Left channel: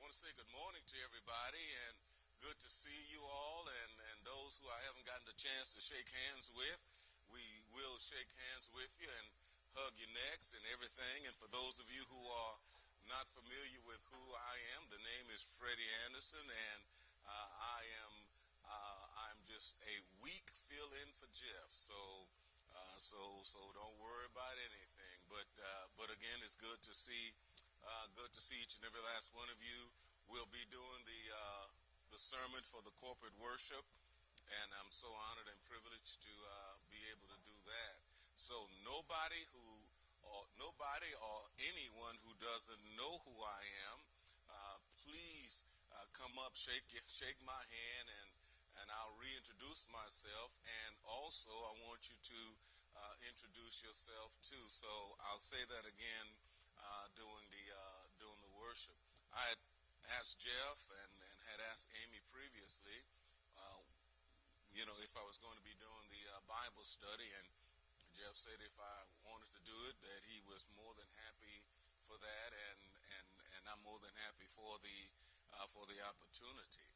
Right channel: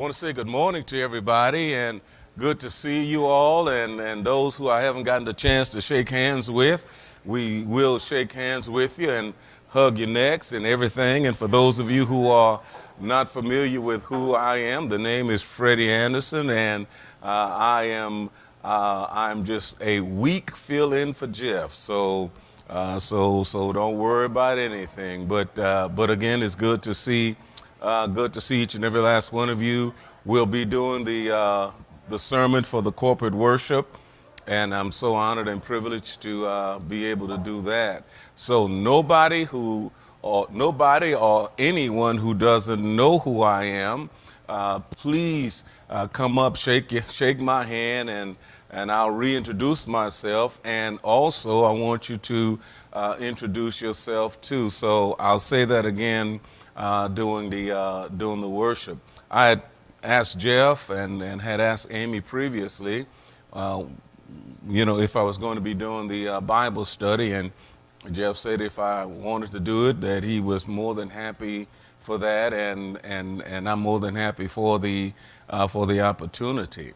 Want to say good morning to everybody and good to see you all and those who I haven't gotten the chance to shake hands with. We will shake hands with you and hug your necks and everything. And for those of you who are not familiar with who I am, the name is Freddie Anderson, and I'm just a weak fill-in for Jeff. So don't worry about anything. But again, it's good to see each and every last one of you. We'll be doing the sermon for the corporate worship, and I'm so honored and privileged to be able to do that. So nobody or anyone who doesn't know who I am, please come up, shake my hand, and I'll reintroduce myself. And also, I want you to introduce yourself too. So I'll say that again during the worship. I had asked Jeff and had asked Amy previously, if I was going to be doing the Bible study, and Jeff said if I wanted to do it, that he was more than happy for that, and I'm more than happy for the opportunity.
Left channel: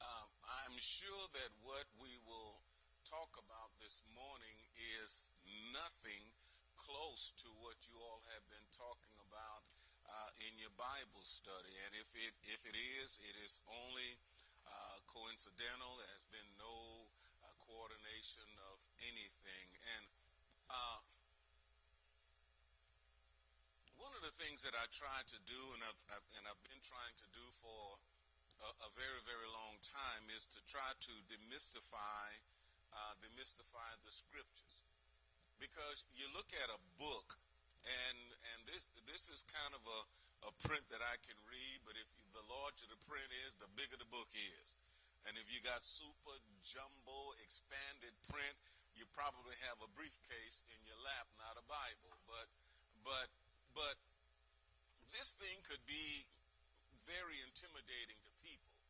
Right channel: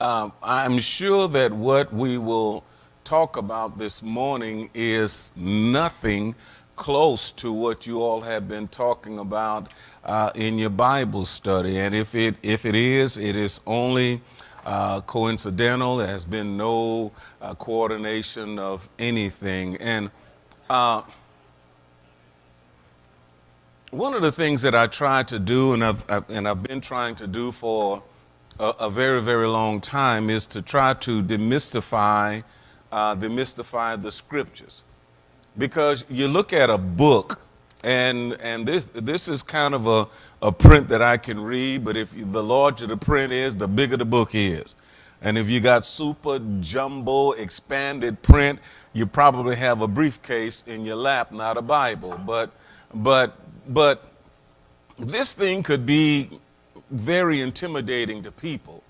I'm sure that what we will talk about this morning is nothing close to what you all have been talking about in your Bible study. And if it is only coincidental. There has been no coordination of anything. And one of the things that I try to do, and I've been trying to do for a very, very long time, is to try to demystify the scriptures. Because you look at a book, and this is kind of a print that I can read, but the larger the print is, the bigger the book is. And if you got super jumbo expanded print, you probably have a briefcase in your lap, not a Bible. But this thing could be very intimidating to people,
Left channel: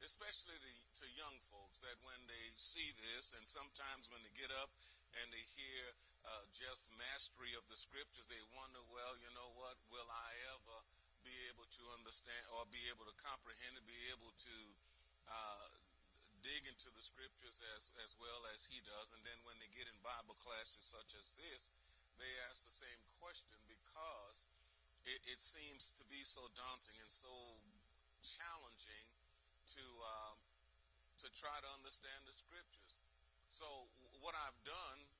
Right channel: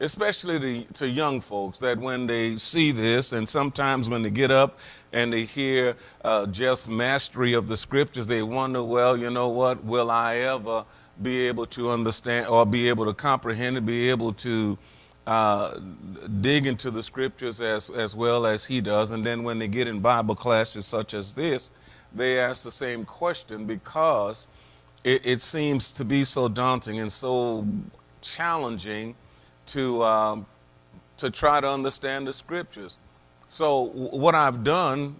especially to young folks, that when they see this, and sometimes when they get up and they hear Jeff's mastery of the scriptures, they wonder, well, you know what, will I ever be able to understand or be able to comprehend and be able to dig into the scriptures as well as he does? And then when they get in Bible classes such as this, they ask the same question, because it seems to be so daunting and so challenging to try to understand the scriptures. So what I've done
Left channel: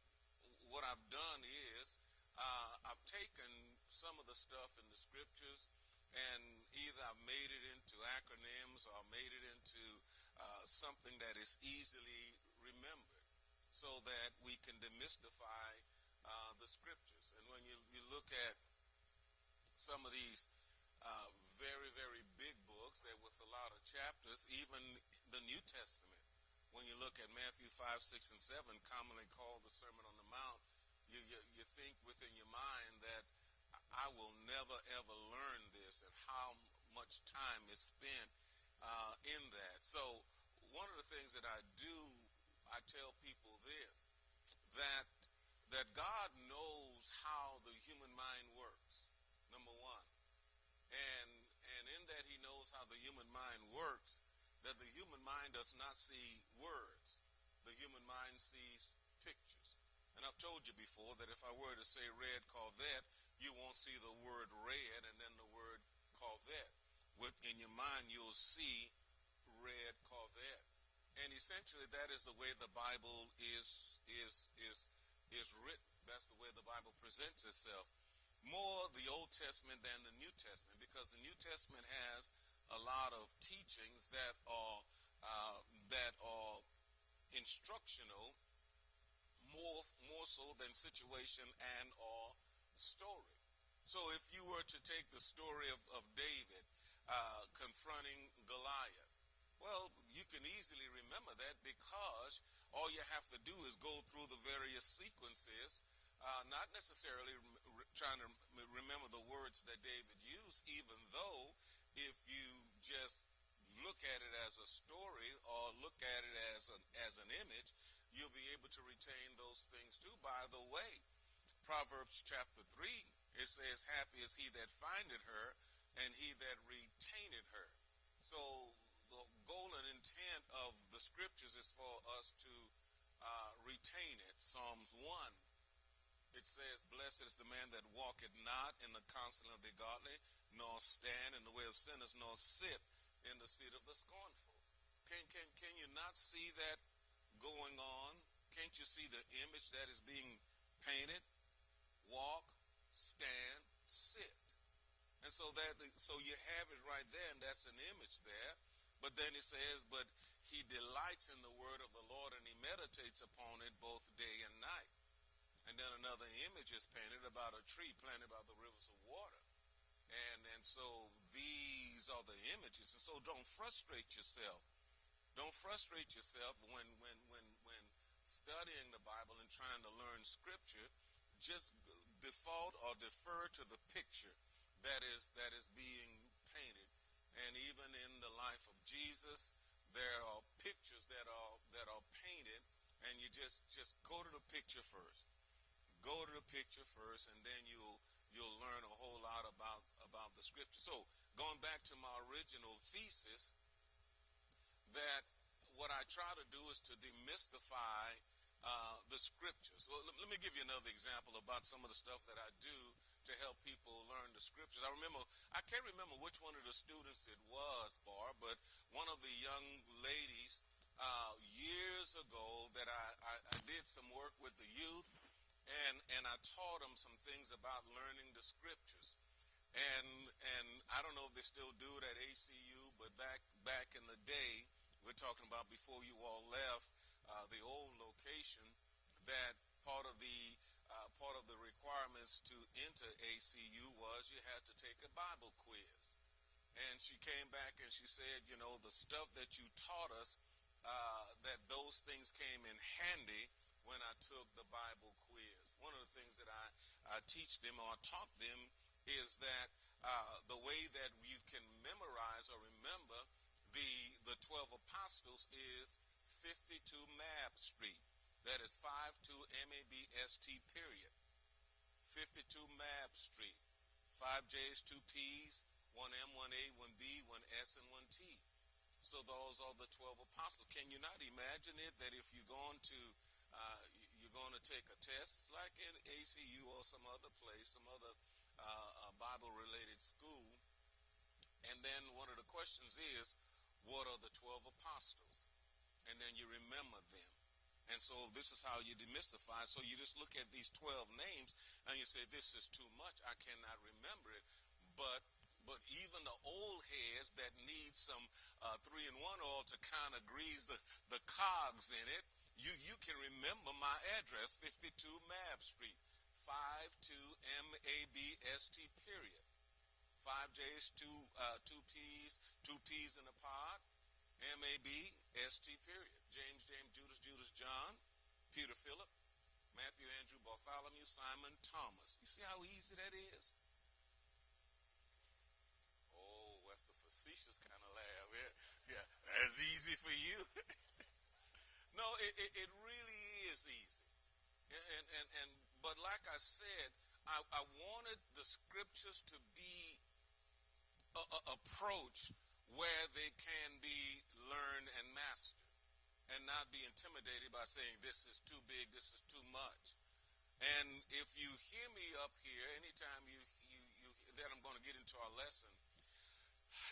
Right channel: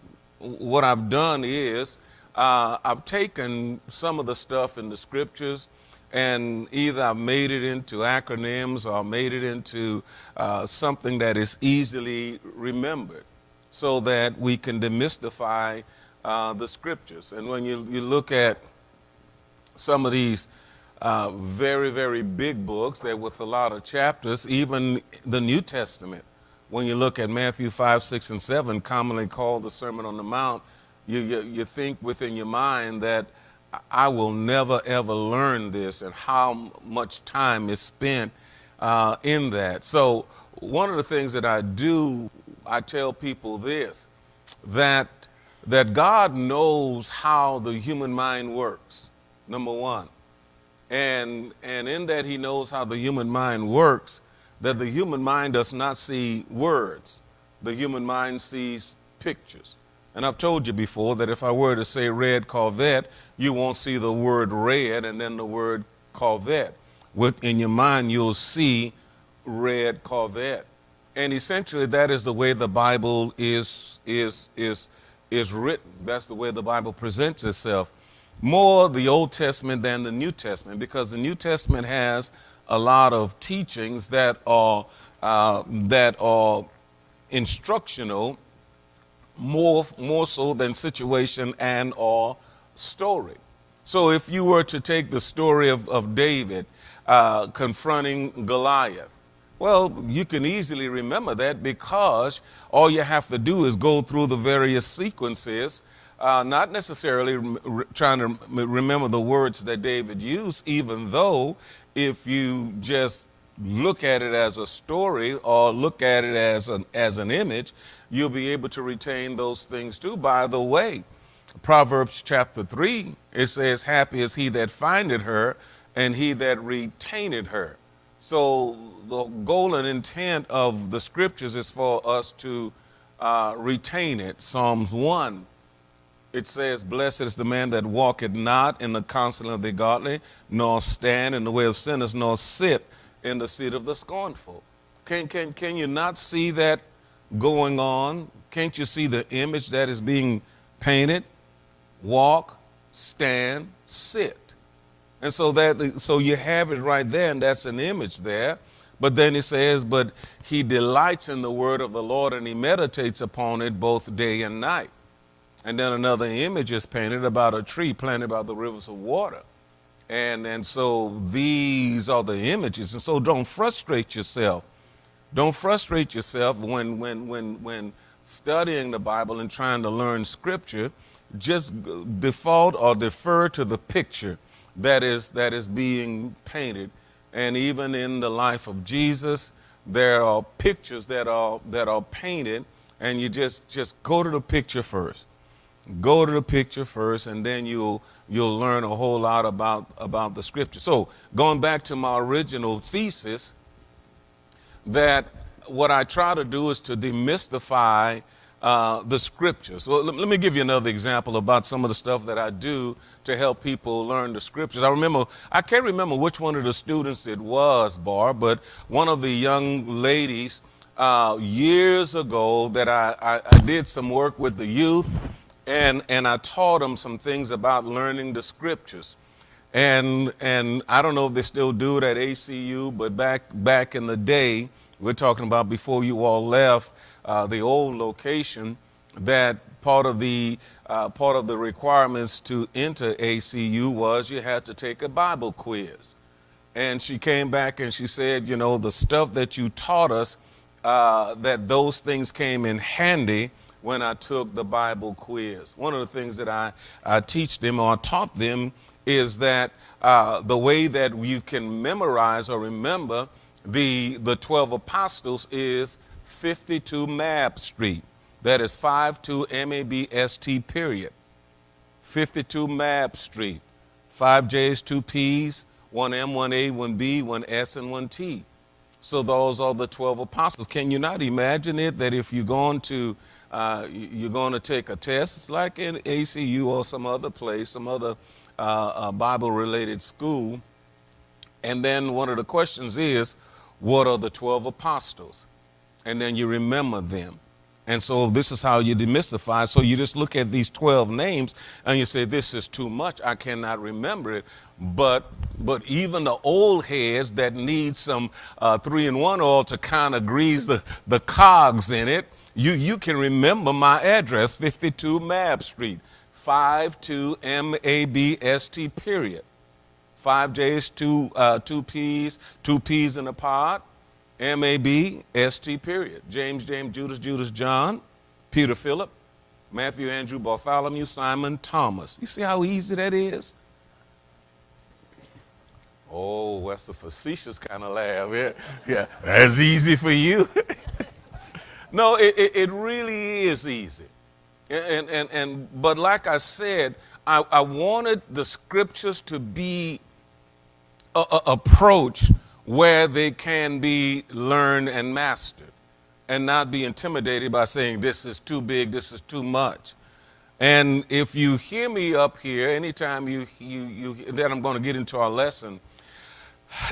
is I've taken some of the stuff in the scriptures, and either I've made it into acronyms or made it into something that is easily remembered, so that we can demystify the scriptures. And when you look at some of these very, very big books that with a lot of chapters, even the New Testament, when you look at Matthew 5, 6, and 7, commonly called the Sermon on the Mount, you think within your mind that I will never, ever learn this, and how much time is spent in that. So one of the things that I do, I tell people this, that God knows how the human mind works, number one. And in that he knows how the human mind works, that the human mind does not see words. The human mind sees pictures. And I've told you before that if I were to say red Corvette, you won't see the word red and then the word Corvette. In your mind, you'll see red Corvette. And essentially, that is the way the Bible is written. That's the way the Bible presents itself. More the Old Testament than the New Testament, because the New Testament has a lot of teachings that are instructional, more so than situation and or story. So if you were to take the story of David confronting Goliath, well, you can easily remember that, because all you have to do is go through the various sequences, not necessarily trying to remember the words that David used, even though if you just look at it as a story or look at it as an image, you'll be able to retain those things too. By the way, Proverbs chapter 3, it says, happy is he that findeth her, and he that retained her. So the goal and intent of the scriptures is for us to retain it. Psalms 1, it says, blessed is the man that walketh not in the counsel of the godly, nor stand in the way of sinners, nor sit in the seat of the scornful. Can you not see that going on? Can't you see the image that is being painted? Walk, stand, sit. And so you have it right there, and that's an image there. But then he says, but he delights in the word of the Lord, and he meditates upon it both day and night. And then another image is painted about a tree planted by the rivers of water. And so these are the images. And so don't frustrate yourself. Don't frustrate yourself when studying the Bible and trying to learn scripture. Just default or defer to the picture that is being painted. And even in the life of Jesus, there are pictures that are painted, and you just go to the picture first. Go to the picture first, and then you'll learn a whole lot about the scripture. So going back to my original thesis, that what I try to do is to demystify the scriptures. So let me give you another example about some of the stuff that I do to help people learn the scriptures. I can't remember which one of the students it was, Barb, but one of the young ladies years ago that I did some work with the youth, and I taught them some things about learning the scriptures. And I don't know if they still do it at ACU, but back in the day, we're talking about before you all left the old location, that part of the requirements to enter ACU was you had to take a Bible quiz. And she came back and she said, you know, the stuff that you taught us, that those things came in handy when I took the Bible quiz. One of the things that I teach them or taught them is that the way that you can memorize or remember the 12 apostles is 52 Mab Street. That is 52 MABST period. 52 Mab Street. 5 J's, 2 P's, 1 M, 1 A, 1 B, 1 S, and 1 T. So those are the 12 apostles. Can you not imagine it, that if you're going to take a test, like in ACU or some other place, some other Bible-related school, and then one of the questions is, what are the 12 apostles? And then you remember them. And so this is how you demystify. So you just look at these 12 names and you say, this is too much, I cannot remember it. But even the old heads that need some 3-in-1 oil to kind of grease the cogs in it, you can remember my address, 52 Mab Street, 52 MABST period. 5 J's, 2 P's, 2 P's in a pod, MABST period. James, Judas, John, Peter, Philip, Matthew, Andrew, Bartholomew, Simon, Thomas. You see how easy that is? Oh, that's a facetious kind of laugh. Yeah, that's easy for you. No, it really is easy. But like I said, I wanted the scriptures to be approach where they can be learned and mastered, and not be intimidated by saying this is too big, this is too much. And if you hear me up here, anytime you then I'm going to get into our lesson.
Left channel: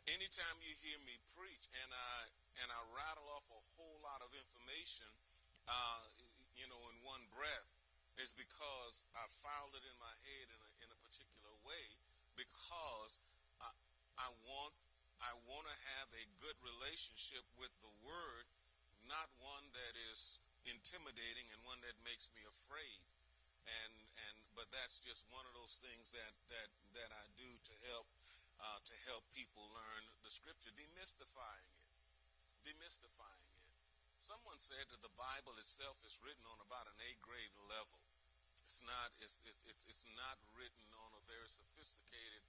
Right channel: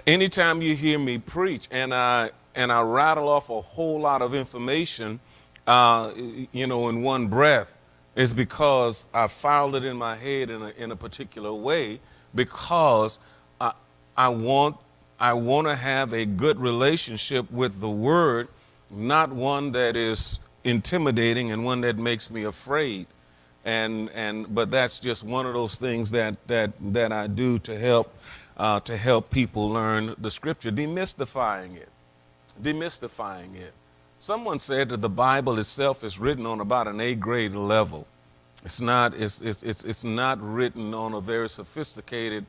Anytime you hear me preach and I rattle off a whole lot of information, in one breath, is because I filed it in my head in a particular way, because I want to have a good relationship with the Word, not one that is intimidating and one that makes me afraid. But that's just one of those things that I do to help people learn the Scripture, demystifying it. Someone said that the Bible itself is written on about an A-grade level. It's not written on a very sophisticated,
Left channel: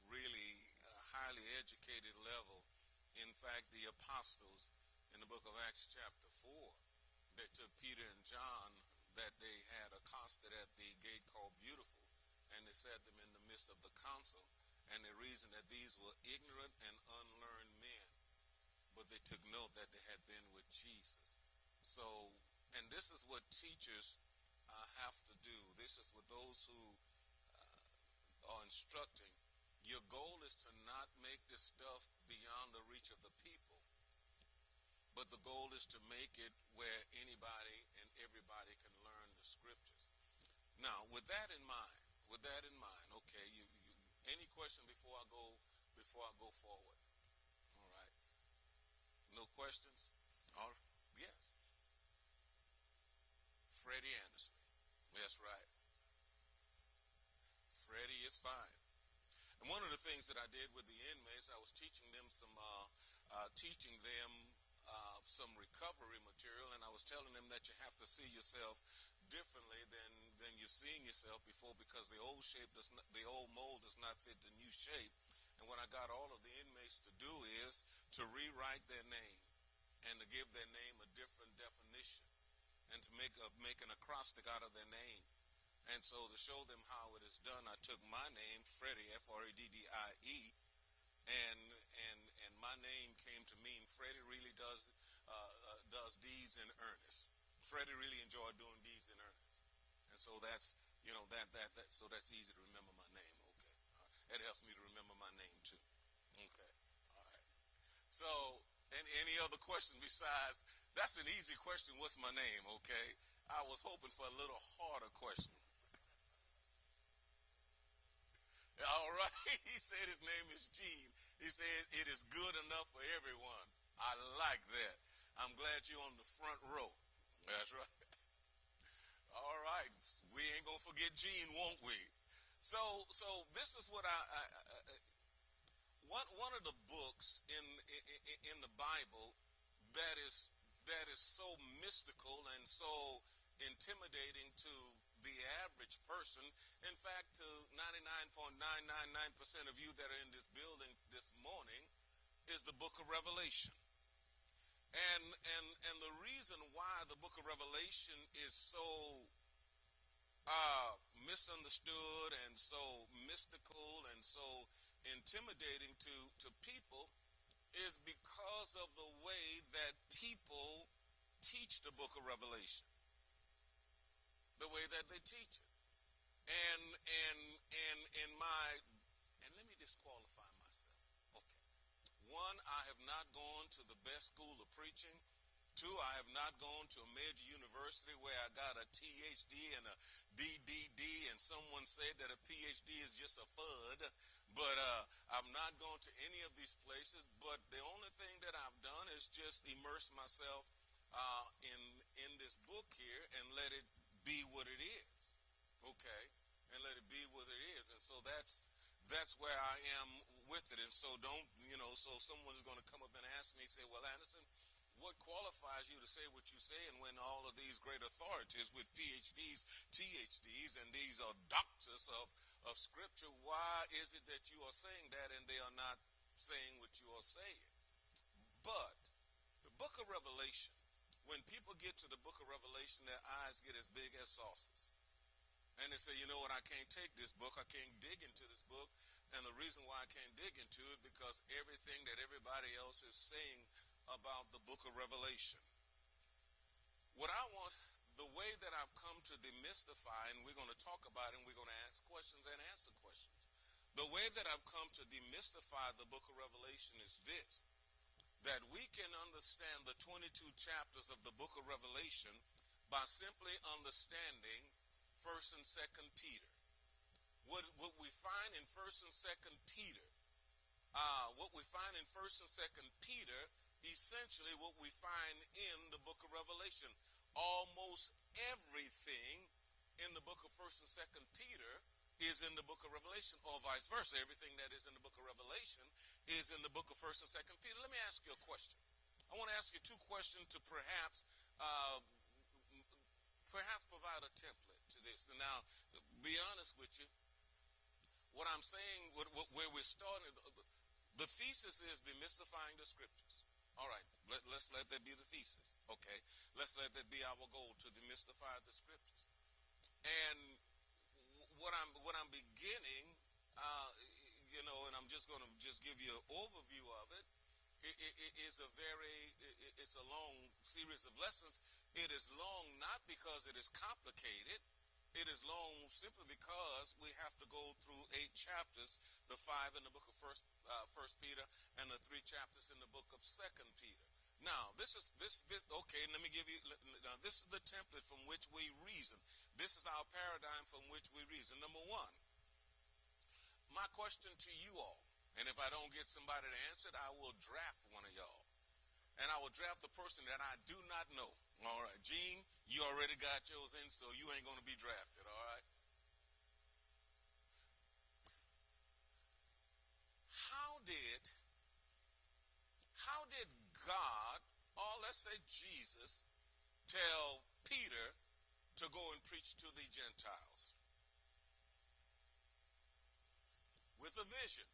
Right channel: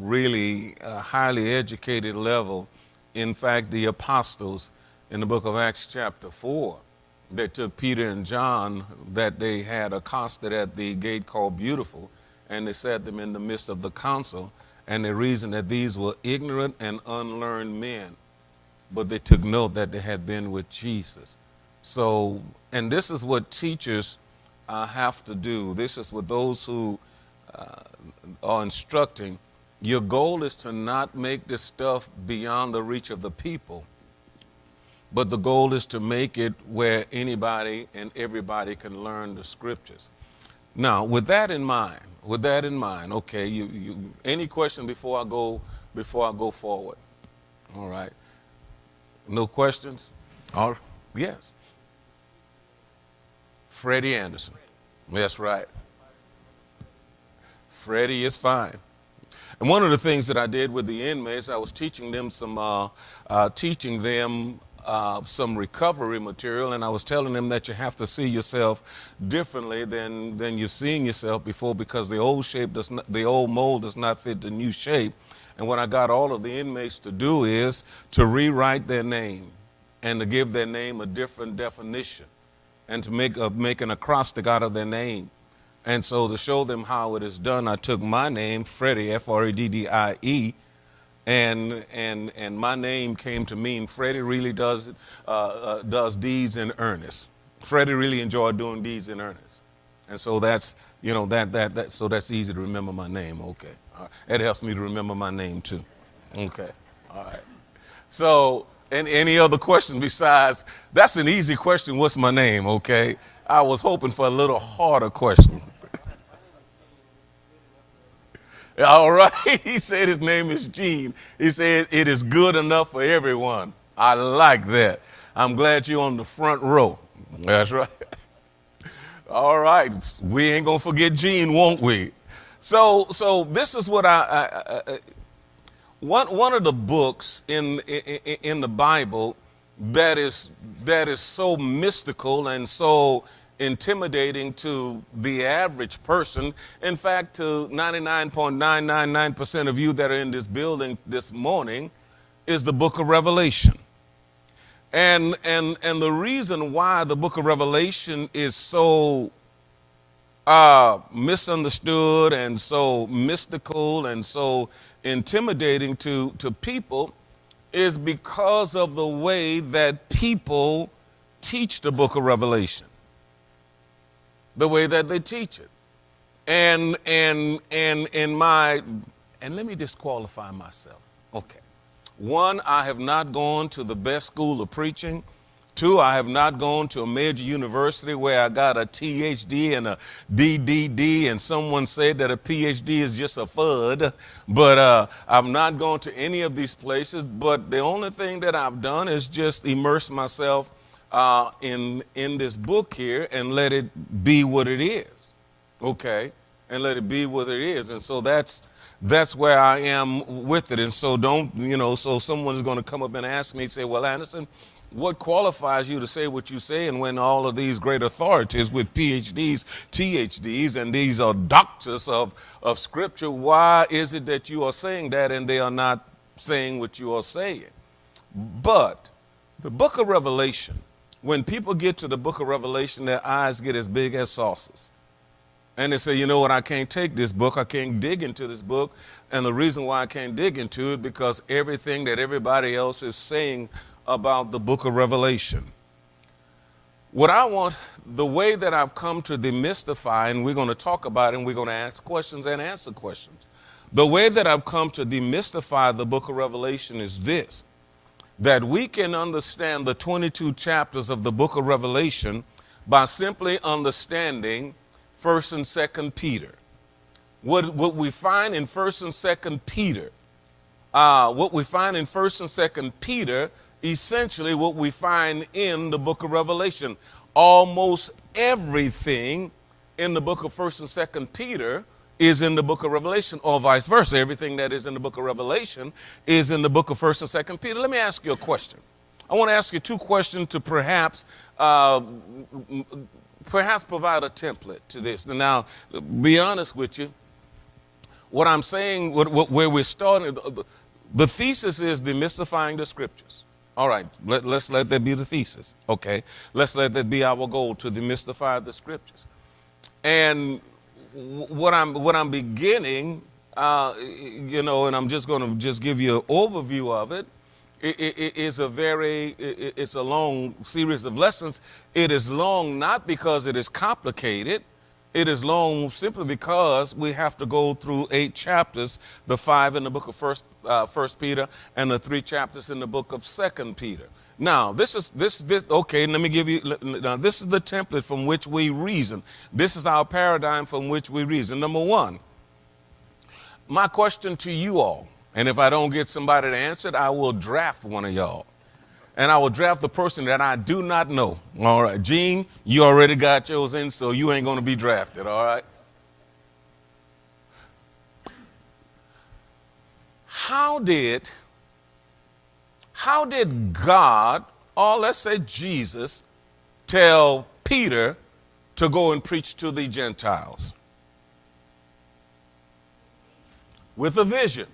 really highly educated level. In fact, the apostles in the book of Acts chapter 4, they took Peter and John that they had accosted at the gate called Beautiful, and they set them in the midst of the council, And the reason that these were ignorant and unlearned men, but they took note that they had been with Jesus. So, and this is what teachers have to do. This is what those who are instructing. Your goal is to not make this stuff beyond the reach of the people, but the goal is to make it where anybody and everybody can learn the scriptures. Now, with that in mind, okay, any question before I go forward? All right. No questions? Yes. Freddie Anderson. That's right. Freddie is fine. And one of the things that I did with the inmates, I was teaching them some recovery material, and I was telling them that you have to see yourself differently than you've seen yourself before, because the old mold does not fit the new shape. And what I got all of the inmates to do is to rewrite their name and to give their name a different definition and to make an acrostic out of their name. And so to show them how it is done, I took my name, Freddie, F-R-E-D-D-I-E, and my name came to mean Freddie really does deeds in earnest. Freddie really enjoyed doing deeds in earnest. And so that's, so that's easy to remember my name. Okay. All right. It helps me to remember my name too. Okay. All right. So, and any other question besides, that's an easy question, what's my name, okay? I was hoping for a little harder question. All right, he said his name is Gene. He said it is good enough for everyone. I like that. I'm glad you're on the front row. That's right. All right, we ain't gonna forget Gene, won't we? So this is what one of the books in the Bible that is so mystical and so intimidating to the average person. In fact, to 99.999% of you that are in this building this morning, is the book of Revelation. And the reason why the book of Revelation is so misunderstood and so mystical and so intimidating to people is because of the way that people teach the book of Revelation. The way that they teach it. And let me disqualify myself. Okay. One, I have not gone to the best school of preaching. Two, I have not gone to a major university where I got a THD and a DDD, and someone said that a PhD is just a FUD. But I've not gone to any of these places. But the only thing that I've done is just immerse myself in this book here and let it be what it is, okay? And let it be what it is. And so that's where I am with it. And so so someone's going to come up and ask me, say, well, Anderson, what qualifies you to say what you say? And when all of these great authorities with PhDs, THDs, and these are doctors of Scripture, why is it that you are saying that and they are not saying what you are saying? But the book of Revelation, when people get to the book of Revelation, their eyes get as big as saucers. And they say, you know what, I can't take this book. I can't dig into this book. And the reason why I can't dig into it, because everything that everybody else is saying about the book of Revelation. What I want, the way that I've come to demystify, and we're going to talk about it, and we're going to ask questions and answer questions. The way that I've come to demystify the book of Revelation is this: that we can understand the 22 chapters of the book of Revelation by simply understanding 1st and 2nd Peter. What we find in 1st and 2nd Peter, essentially what we find in the book of Revelation. Almost everything in the book of 1st and 2nd Peter is in the book of Revelation, or vice versa. Everything that is in the book of Revelation is in the book of 1st and 2nd Peter. Let me ask you a question. I want to ask you two questions to perhaps provide a template to this. Now, be honest with you, what I'm saying, where we're starting, the thesis is demystifying the Scriptures. All right, let's let that be the thesis, okay? Let's let that be our goal, to demystify the Scriptures. And what I'm beginning and I'm just going to just give you an overview of it. It's a long series of lessons. It is long not because it is complicated. It is long simply because we have to go through 8 chapters, the 5 in the book of First Peter, and the 3 chapters in the book of Second Peter. Now, this. Okay, let me give you. Now, this is the template from which we reason. This is our paradigm from which we reason. Number 1, my question to you all, and if I don't get somebody to answer it, I will draft one of y'all. And I will draft the person that I do not know. All right, Gene, you already got yours in, so you ain't going to be drafted, all right? How did God, or let's say Jesus, tell Peter to go and preach to the Gentiles? With a vision.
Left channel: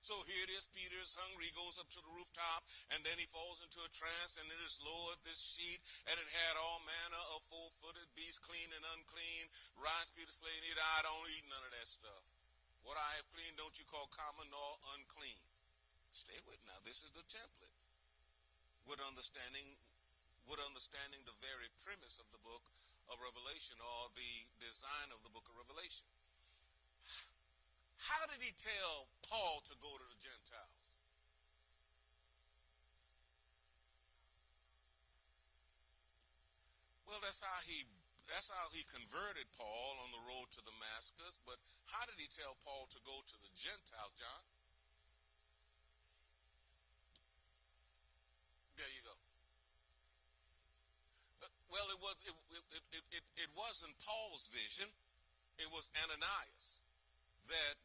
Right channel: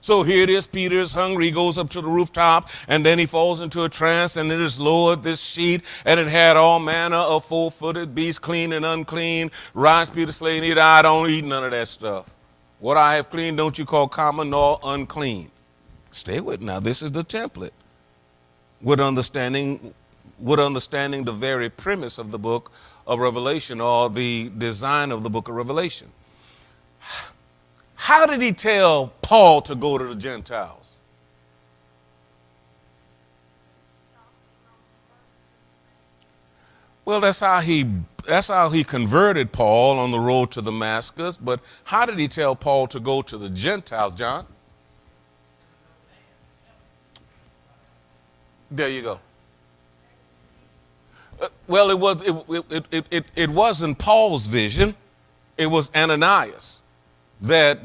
So here it is, Peter is hungry, he goes up to the rooftop, and then he falls into a trance, and it is lowered, this sheet, and it had all manner of 4-footed beasts, clean and unclean. Rise, Peter, slay and eat. I don't eat none of that stuff. What I have clean, don't you call common nor unclean. Stay with me. Now, this is the template. With understanding the very premise of the book of Revelation, or the design of the book of Revelation. How did he tell Paul to go to the Gentiles? Well, that's how he converted Paul on the road to Damascus. But how did he tell Paul to go to the Gentiles, John? There you go. Well, it wasn't Paul's vision. It was Ananias. That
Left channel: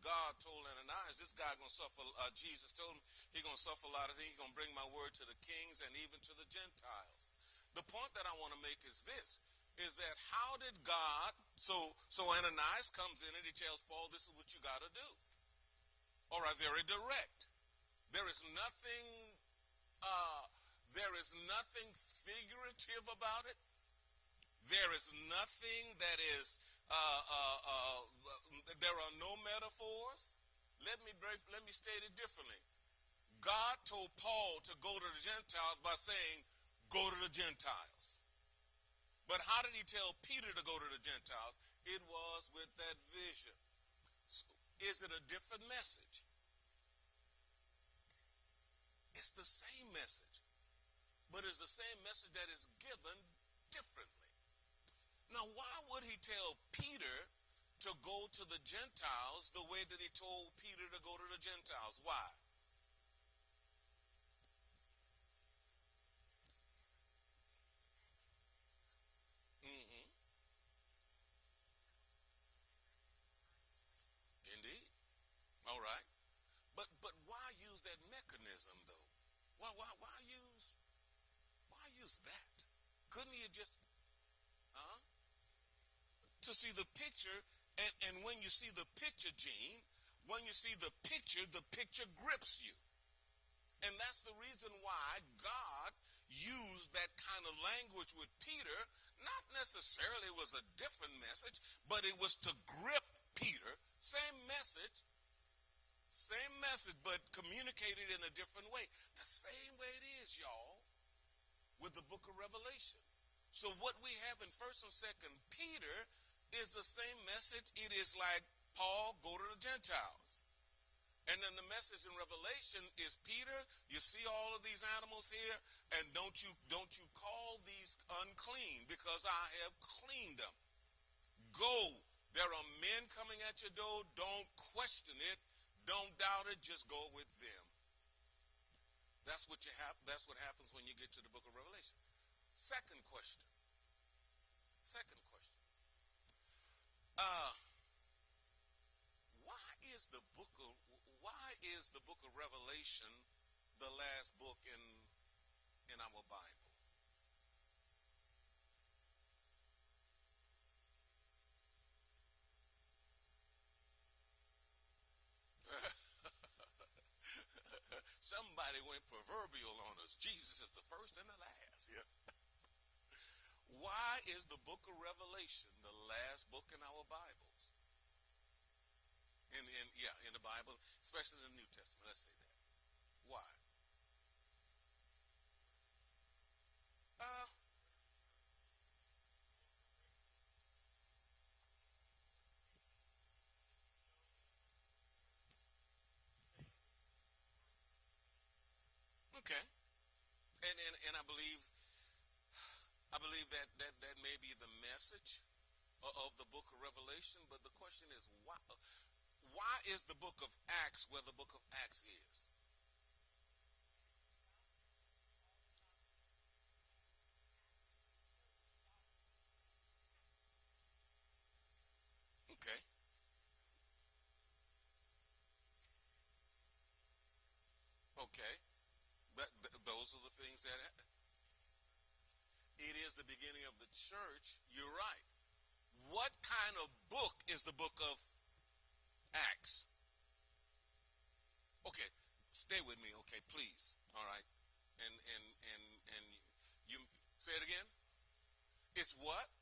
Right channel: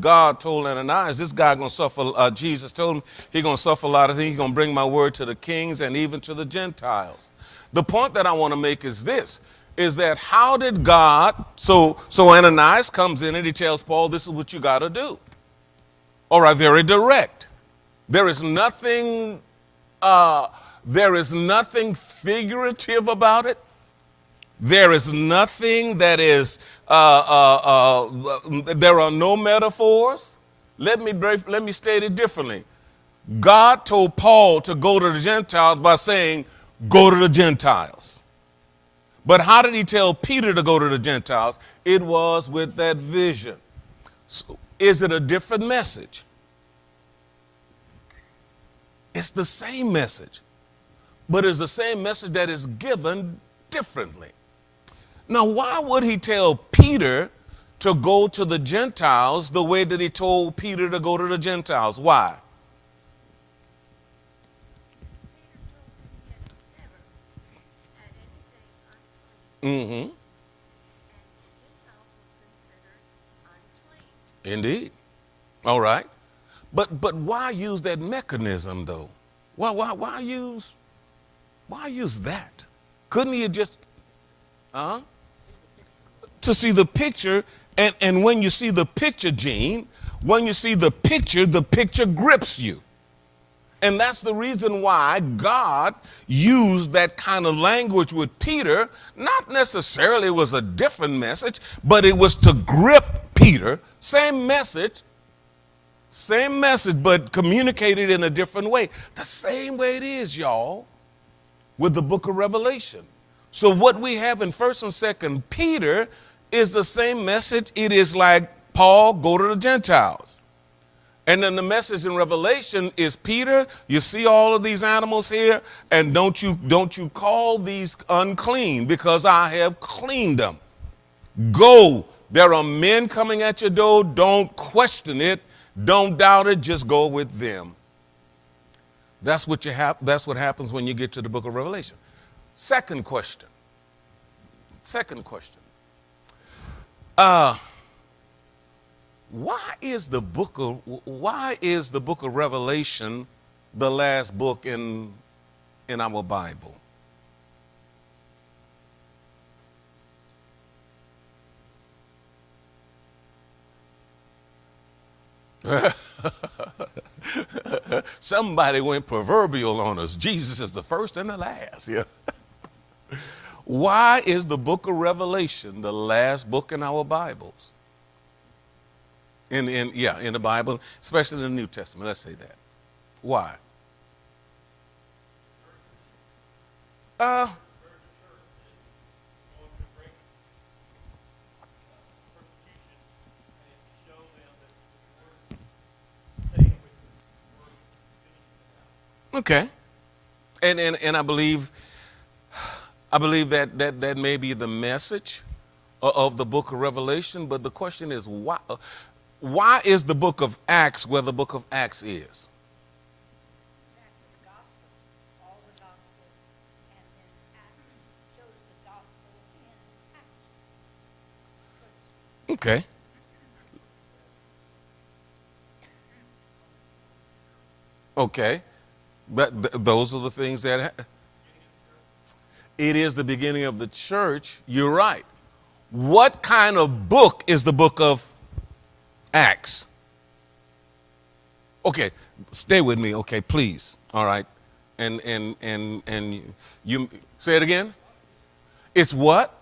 God told Ananias, this guy going to suffer. Jesus told him he's going to suffer a lot of things. He's going to bring my word to the kings and even to the Gentiles. The point that I want to make is this, is that how did God, so Ananias comes in and he tells Paul, this is what you got to do. All right, very direct. There is nothing figurative about it. There is nothing that is, there are no metaphors. Let me state it differently. God told Paul to go to the Gentiles by saying, go to the Gentiles. But how did he tell Peter to go to the Gentiles? It was with that vision. So, is it a different message? It's the same message, but it's the same message that is given differently. Now, why would he tell Peter to go to the Gentiles the way that he told Peter to go to the Gentiles? Why? Mm-hmm. Indeed. All right. But why use that mechanism though? Why use that? Couldn't he have just to see the picture, and when you see the picture, Gene, when you see the picture grips you. And that's the reason why God used that kind of language with Peter. Not necessarily it was a different message, but it was to grip Peter. Same message, but communicated in a different way. The same way it is, y'all, with the book of Revelation. So what we have in 1st and 2nd Peter is the same message. It is like, Paul, go to the Gentiles. And then the message in Revelation is, Peter, you see all of these animals here, and don't you call these unclean, because I have cleaned them. Go. There are men coming at your door. Don't question it. Don't doubt it. Just go with them. That's what happens when you get to the book of Revelation. Second question. Why is the book of Revelation the last book in our Bible? Somebody went proverbial on us. Jesus is the first and the last. Yeah. Why is the book of Revelation the last book in our Bibles? In the Bible, especially in the New Testament. Let's say that. Why? Uh, okay. And I believe that may be the message of the book of Revelation, but the question is why is the book of Acts where the book of Acts is? Okay. Okay. But those are the things that it is the beginning of the church. You're right. What kind of book is the book of Acts? Okay, stay with me, okay, please. All right. And you say it again? It's what?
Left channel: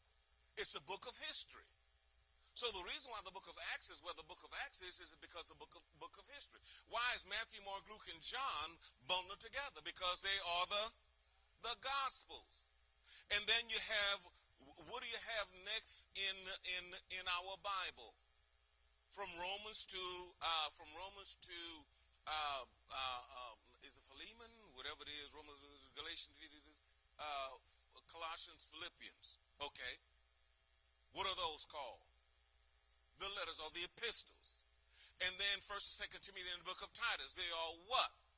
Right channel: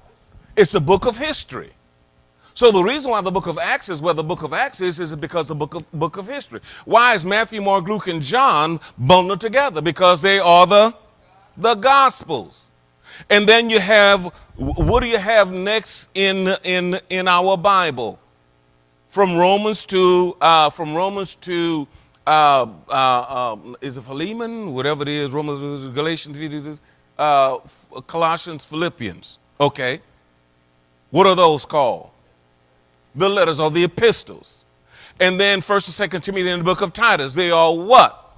It's a book of history. So the reason why the book of Acts is where the book of Acts is because the book of history. Why is Matthew, Mark, Luke, and John bundled together? Because they are the Gospels. And then you have, what do you have next in our Bible? From Romans to is it Philemon? Whatever it is, Romans, Galatians, Colossians, Philippians. Okay. What are those called? The letters are the epistles. And then 1st and 2nd Timothy and the book of Titus, they are what?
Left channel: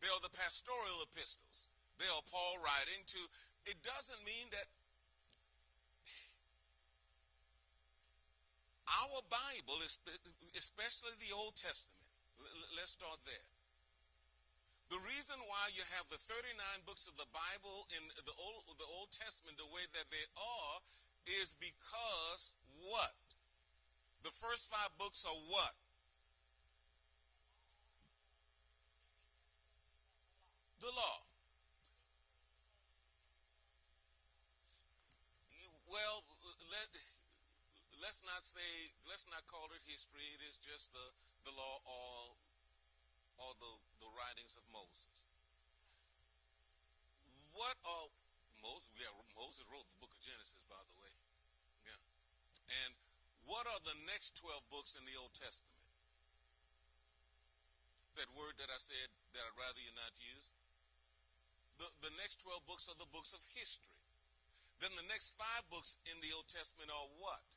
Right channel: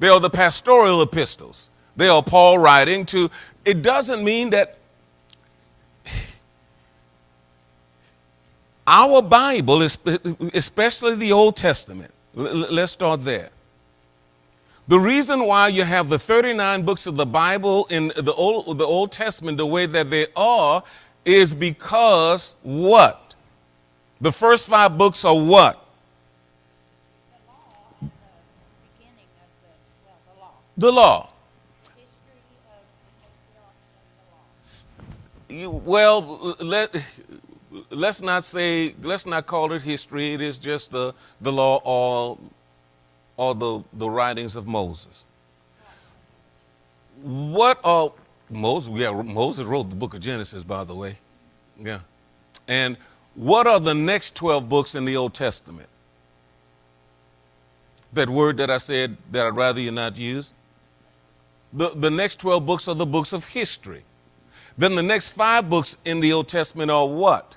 They are the pastoral epistles. They are Paul writing to, it doesn't mean that our Bible, especially the Old Testament, let's start there. The reason why you have the 39 books of the Bible in the Old Testament the way that they are is because what? The first 5 books are what? The law. Let's not call it history. It is just the law or the writings of Moses. What are Moses? Yeah, Moses wrote the book of Genesis, by the way. Yeah. And what are the next 12 books in the Old Testament? That word that I said that I'd rather you not use? The next 12 books are the books of history. Then the next 5 books in the Old Testament are what?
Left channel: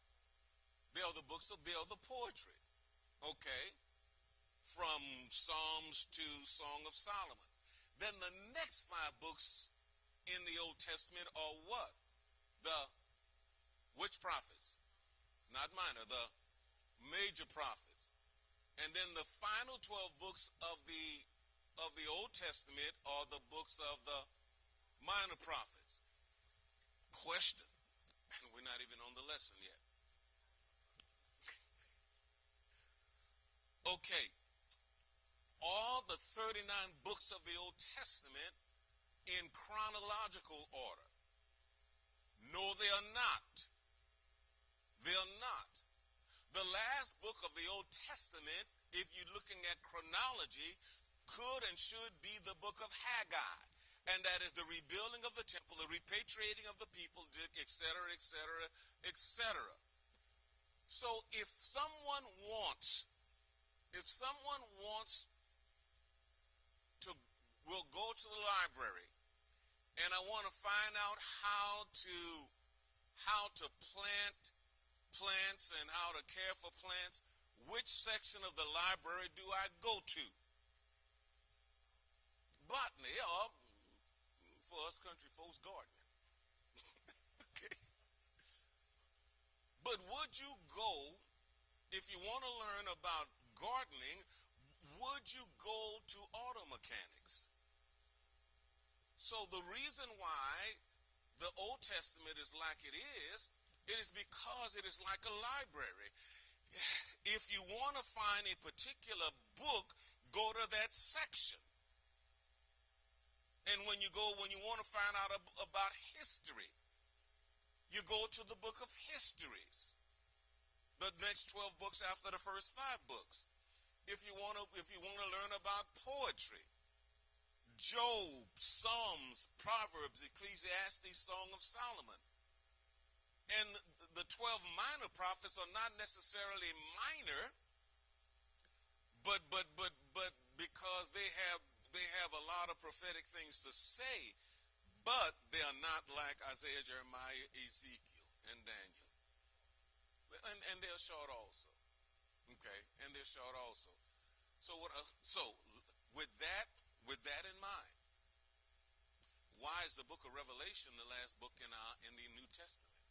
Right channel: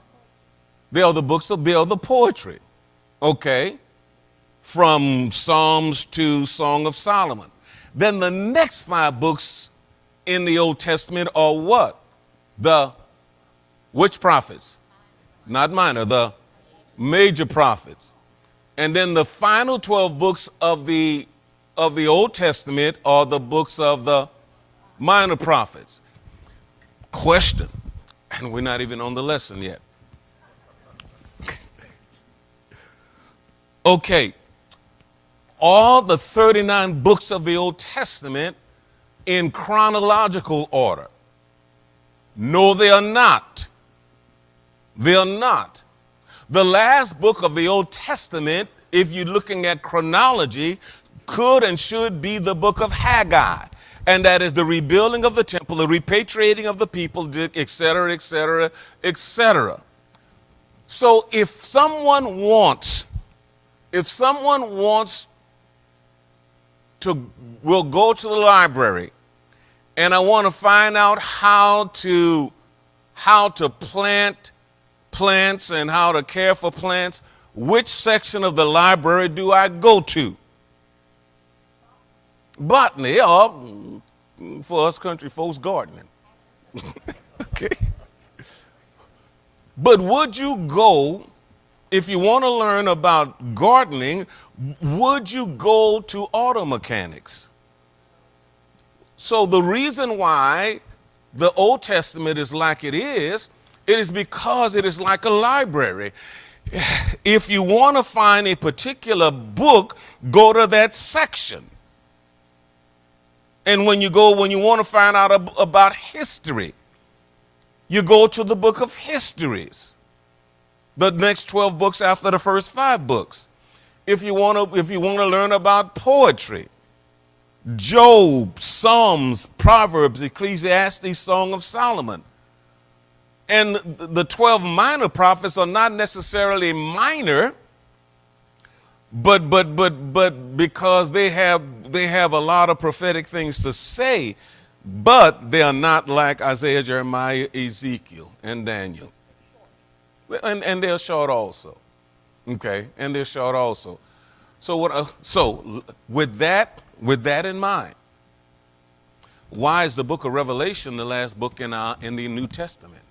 They are the poetry. Okay? From Psalms to Song of Solomon. Then the next 5 books in the Old Testament are what? Which prophets? Not minor, the major prophets. And then the final 12 books of the Old Testament are the books of the minor prophets. Question, and we're not even on the lesson yet. Okay, all the 39 books of the Old Testament in chronological order? No, they are not. They are not. The last book of the Old Testament, if you're looking at chronology, could and should be the book of Haggai. And that is the rebuilding of the temple, the repatriating of the people, et cetera, et cetera, et cetera. So if someone wants to, will go to the library and I want to find out how to plant plants and how to care for plants, which section of the library do I go to? Botany, or for us country folks, gardening. Okay. But would you go, if you want to learn about gardening, would you go to auto mechanics? So the reason why the Old Testament is like it is because it is like a library. If you want to find a particular book, go to that section. And when you want to find out about history, you go to the book of histories. the next 12 books after the first 5 books. If you want to learn about poetry, Job, Psalms, Proverbs, Ecclesiastes, Song of Solomon. And the 12 minor prophets are not necessarily minor, but because they have a lot of prophetic things to say, but they are not like Isaiah, Jeremiah, Ezekiel, and Daniel. And they're short also. Okay, and they're short also. So with that in mind, why is the book of Revelation the last book in the New Testament?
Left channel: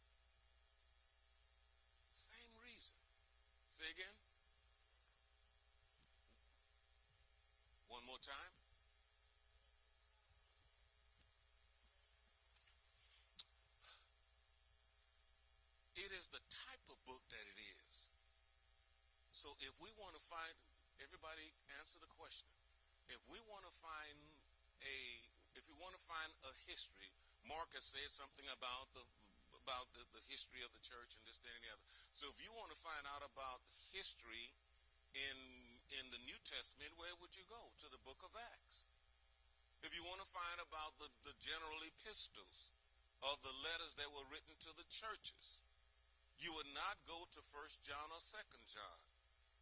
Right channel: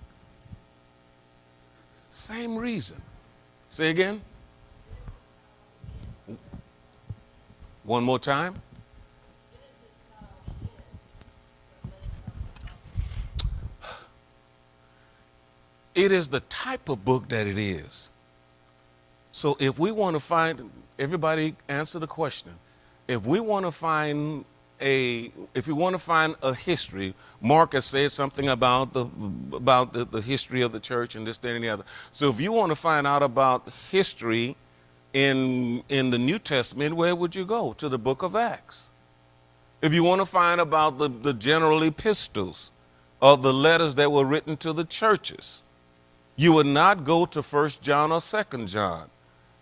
Same reason. Say again. One more time. It is the type of book that it is. So if we want to find, everybody answer the question. If we want to find a history, Mark has said something about the history of the church and this, that, and the other. So if you want to find out about history in the New Testament, where would you go? To the book of Acts. If you want to find about the general epistles or the letters that were written to the churches, you would not go to 1 John or 2 John.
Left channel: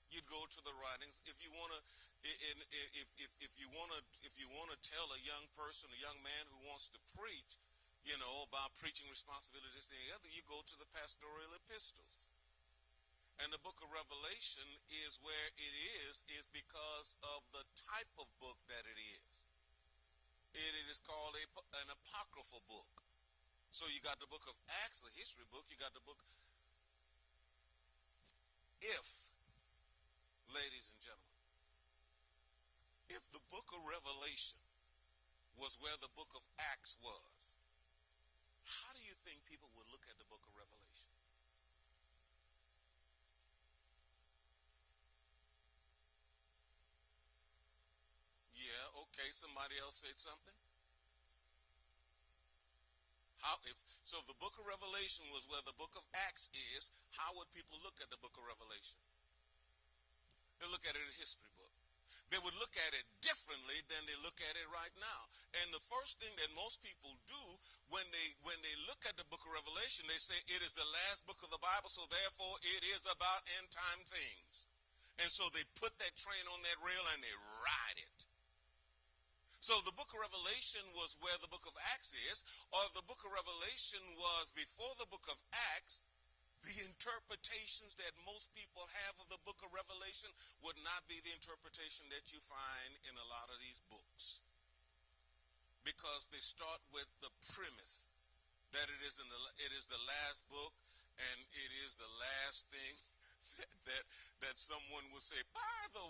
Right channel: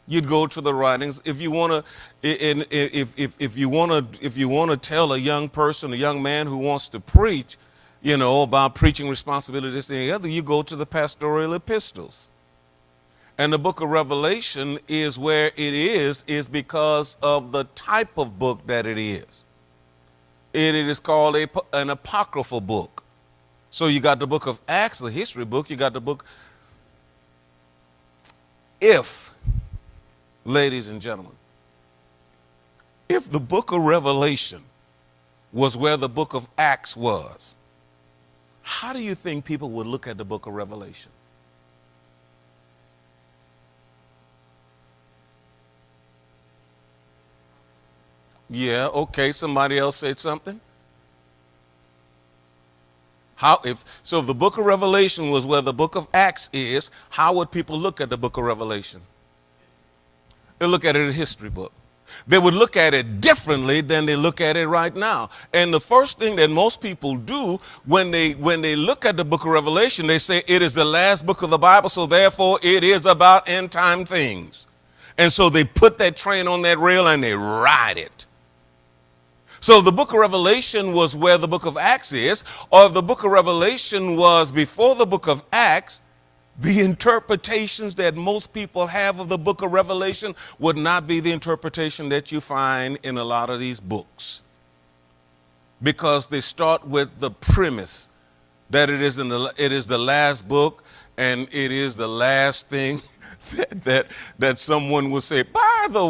You'd go to the writings. If you want to tell a young person, a young man who wants to preach, about preaching responsibility, this and the other, you go to the pastoral epistles. And the book of Revelation is where it is because of the type of book that it is. It is called an apocryphal book. So you got the book of Acts, the history book. You got the book. Ladies and gentlemen, if the book of Revelation was where the book of Acts was, how do you think people would look at the book of Revelation? Yeah, okay, somebody else said something. If the book of Revelation was where the book of Acts is, how would people look at the book of Revelation? They look at it as a history book. They would look at it differently than they look at it right now. And the first thing that most people do when they look at the book of Revelation, they say it is the last book of the Bible, so therefore it is about end time things. And so they put that train on that rail and they ride it. So if the book of Revelation was where the book of Acts is, or if the book of Revelation was before the book of Acts, the interpretations that most people have of the book of Revelation would not be the interpretation that you find in a lot of these books. Because they start with the premise that it is the last book and it is the last thing that someone will say. By the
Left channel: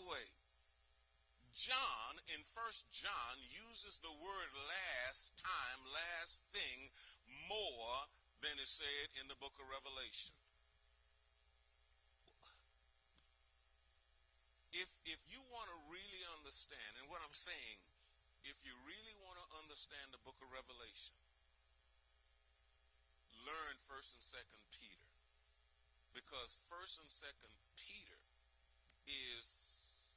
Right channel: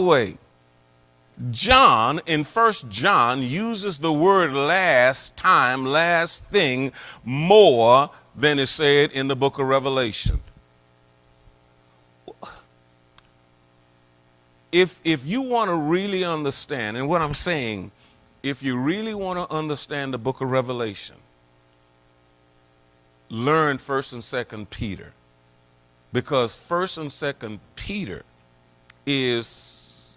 way, John in 1 John uses the word last time, last thing, more than is said in the book of Revelation. If you want to really understand, and what I'm saying, if you really want to understand the book of Revelation, learn 1st and 2nd Peter. Because 1st and 2nd Peter is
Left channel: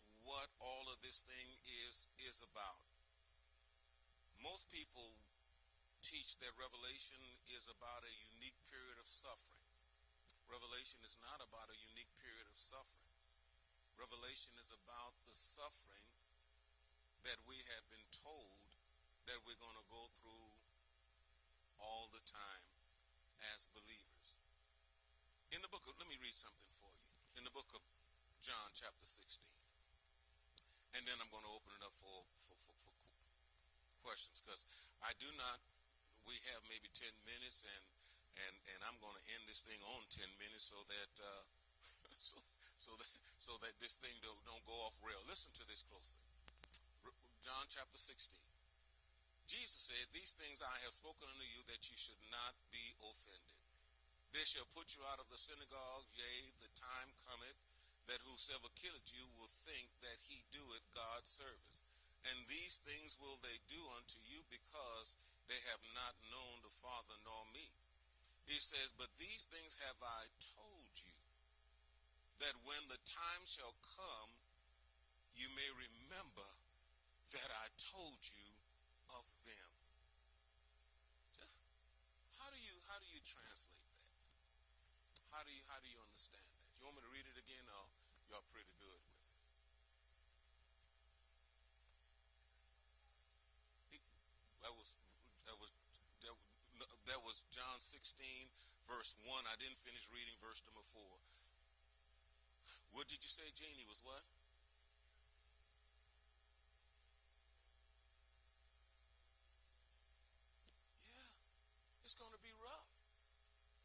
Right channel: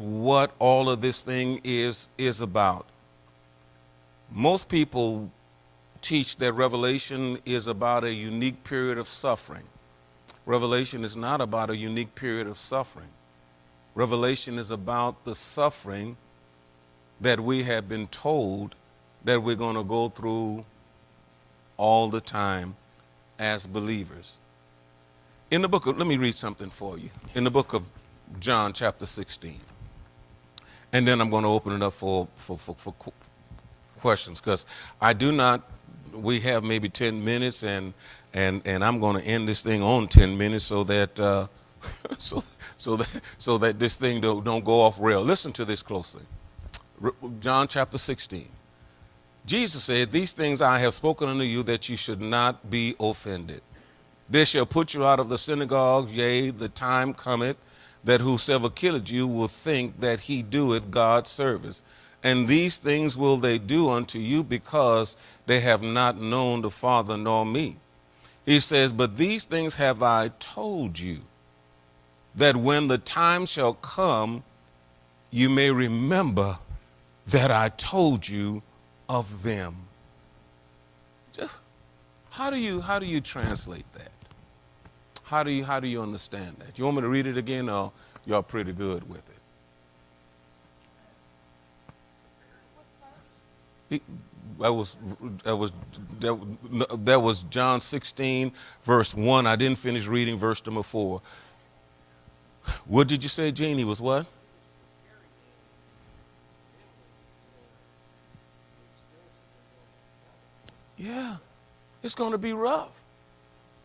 what all of this thing is about. Most people teach that Revelation is about a unique period of suffering. Revelation is not about a unique period of suffering. Revelation is about the suffering that we have been told that we're going to go through all the time as believers. In the book of, let me read something for you. In the book of John chapter 16. And then I'm going to open it up for questions, because we have maybe 10 minutes and I'm going to end this thing on 10 minutes so that so that this thing don't go off rail. Listen to this closely. John chapter 16. Jesus said, "These things I have spoken unto you, that you should not be offended. They shall put you out of the synagogues, yea, the time cometh that whosoever killeth you will think that he doeth God's service. And these things will they do unto you, because they have not known the Father nor me. He says, but these things have I told you, that when the time shall come, you may remember that I told you of them. Just, how do you translate that? How do you understand that? You want me to read it again, or y'all pretty good with it? That was John 16, verse 1. I didn't finish reading verse number 4. What did you say, Gene? He was what? Yeah, it's going to be rough.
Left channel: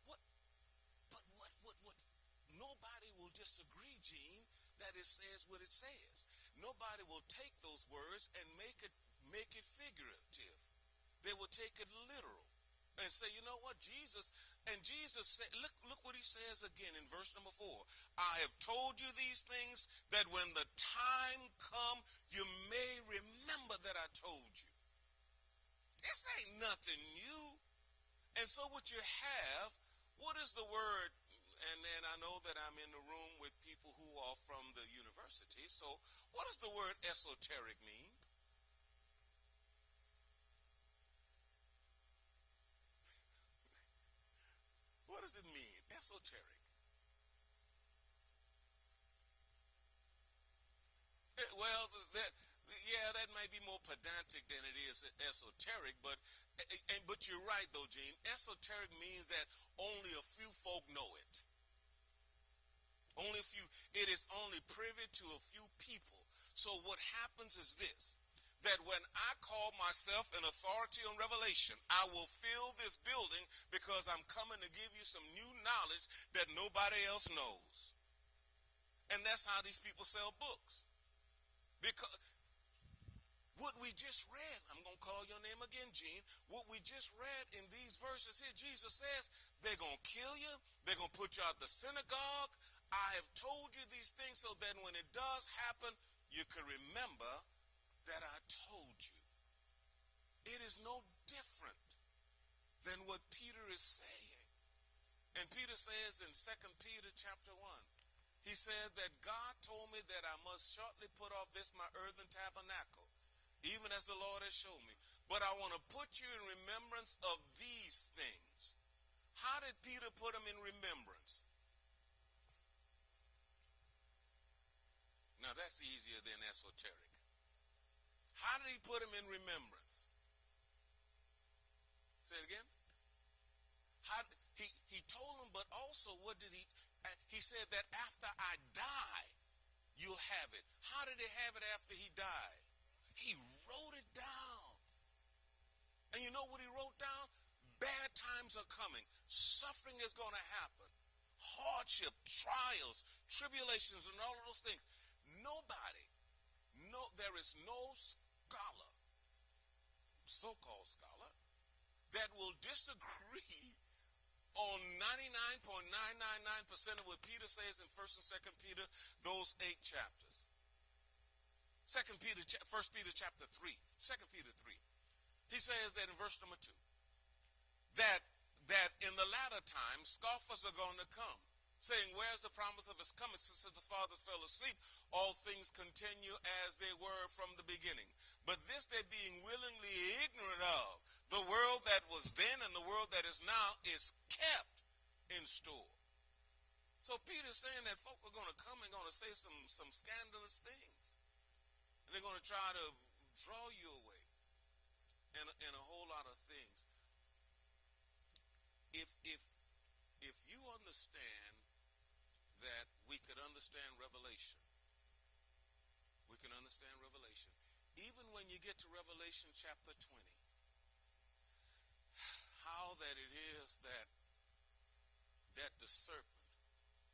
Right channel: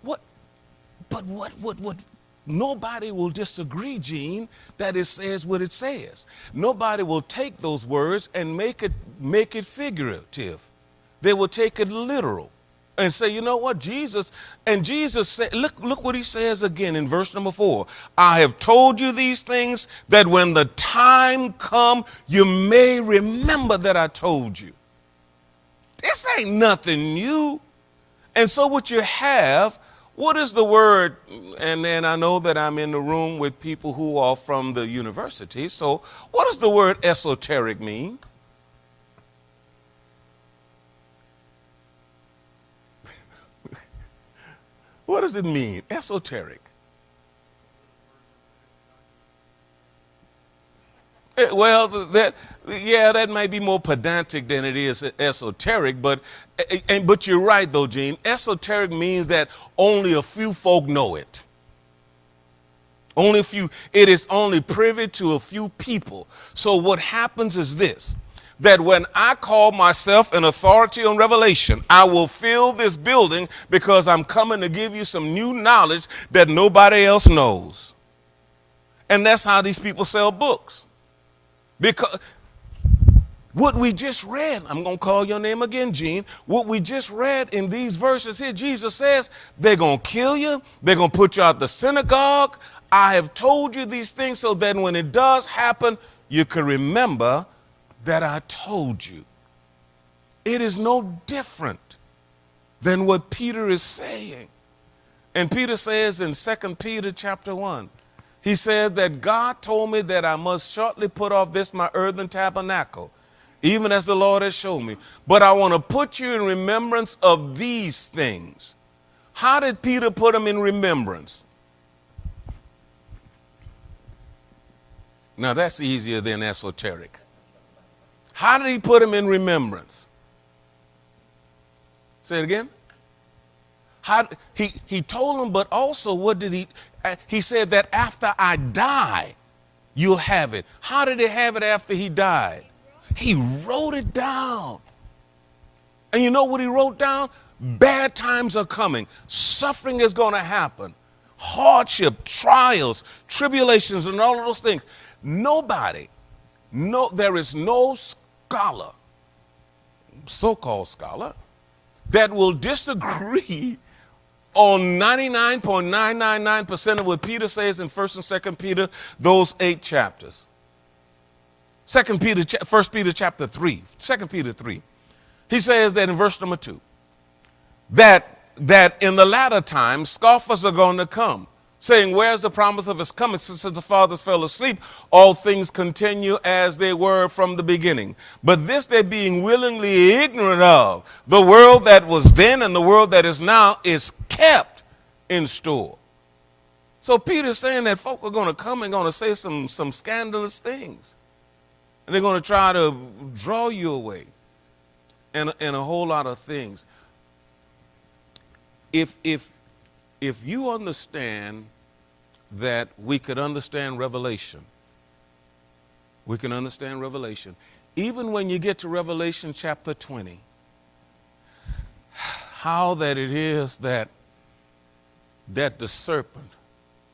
What? Nobody will disagree, Gene, that it says what it says. Nobody will take those words and make it figurative. They will take it literal and say, you know what, Jesus said, look what he says again in verse number 4. I have told you these things that when the time come, you may remember that I told you. This ain't nothing new. And so what you have, what is the word? And then I know that I'm in the room with people who are from the university. So what does the word esoteric mean? What does it mean, esoteric? Well, that might be more pedantic than it is esoteric, but you're right though, Gene. Esoteric means that only a few folk know it. Only a few. It is only privy to a few people. So what happens is this, that when I call myself an authority on revelation, I will fill this building because I'm coming to give you some new knowledge that nobody else knows. And that's how these people sell books. Because what we just read, I'm going to call your name again, Gene. What we just read in these verses here, Jesus says, they're going to kill you. They're going to put you out the synagogue. I have told you these things so that when it does happen, you can remember that I told you. It is no different than what Peter is saying. And Peter says in 2 Peter chapter 1, he says that God told me that I must shortly put off this my earthen tabernacle, even as the Lord has shown me. But I want to put you in remembrance of these things. How did Peter put them in remembrance? Now that's easier than esoteric. How did he put them in remembrance? Say it again. He told them, but also what did he said that after I die, you'll have it. How did he have it after he died? He wrote it down. And you know what he wrote down? Bad times are coming. Suffering is going to happen. Hardship, trials, tribulations, and all of those things. There is no scholar, so-called scholar, that will disagree on 99.999% of what Peter says in 1st and 2nd Peter, those 8 chapters. 1 Peter chapter 3, 2 Peter 3. He says that in verse number 2, that in the latter times scoffers are going to come, saying, where's the promise of his coming? Since the fathers fell asleep, all things continue as they were from the beginning. But this they being willingly ignorant of, the world that was then and the world that is now is kept in store. So Peter's saying that folk are going to come and going to say some scandalous things. And they're going to try to draw you away and a whole lot of things. If you understand that we could understand Revelation, we can understand Revelation. Even when you get to Revelation chapter 20, how that it is that the serpent,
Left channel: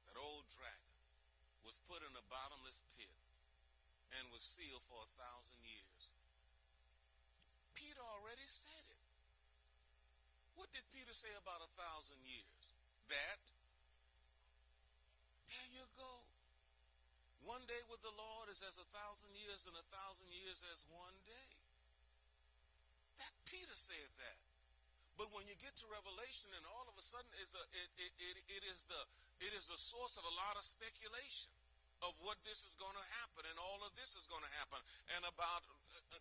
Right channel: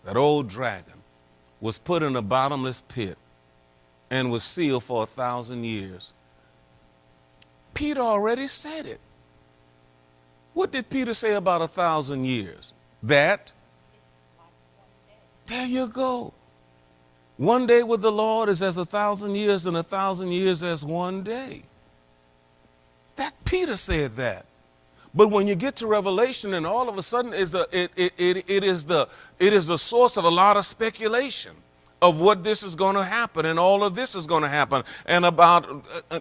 that old dragon, was put in a bottomless pit and was sealed for 1,000 years. Peter already said it. What did Peter say about 1,000 years? That, there you go. One day with the Lord is as 1,000 years, and 1,000 years as one day. That Peter said that. But when you get to Revelation, and all of a sudden it is the source of a lot of speculation of what this is going to happen, and all of this is going to happen, and about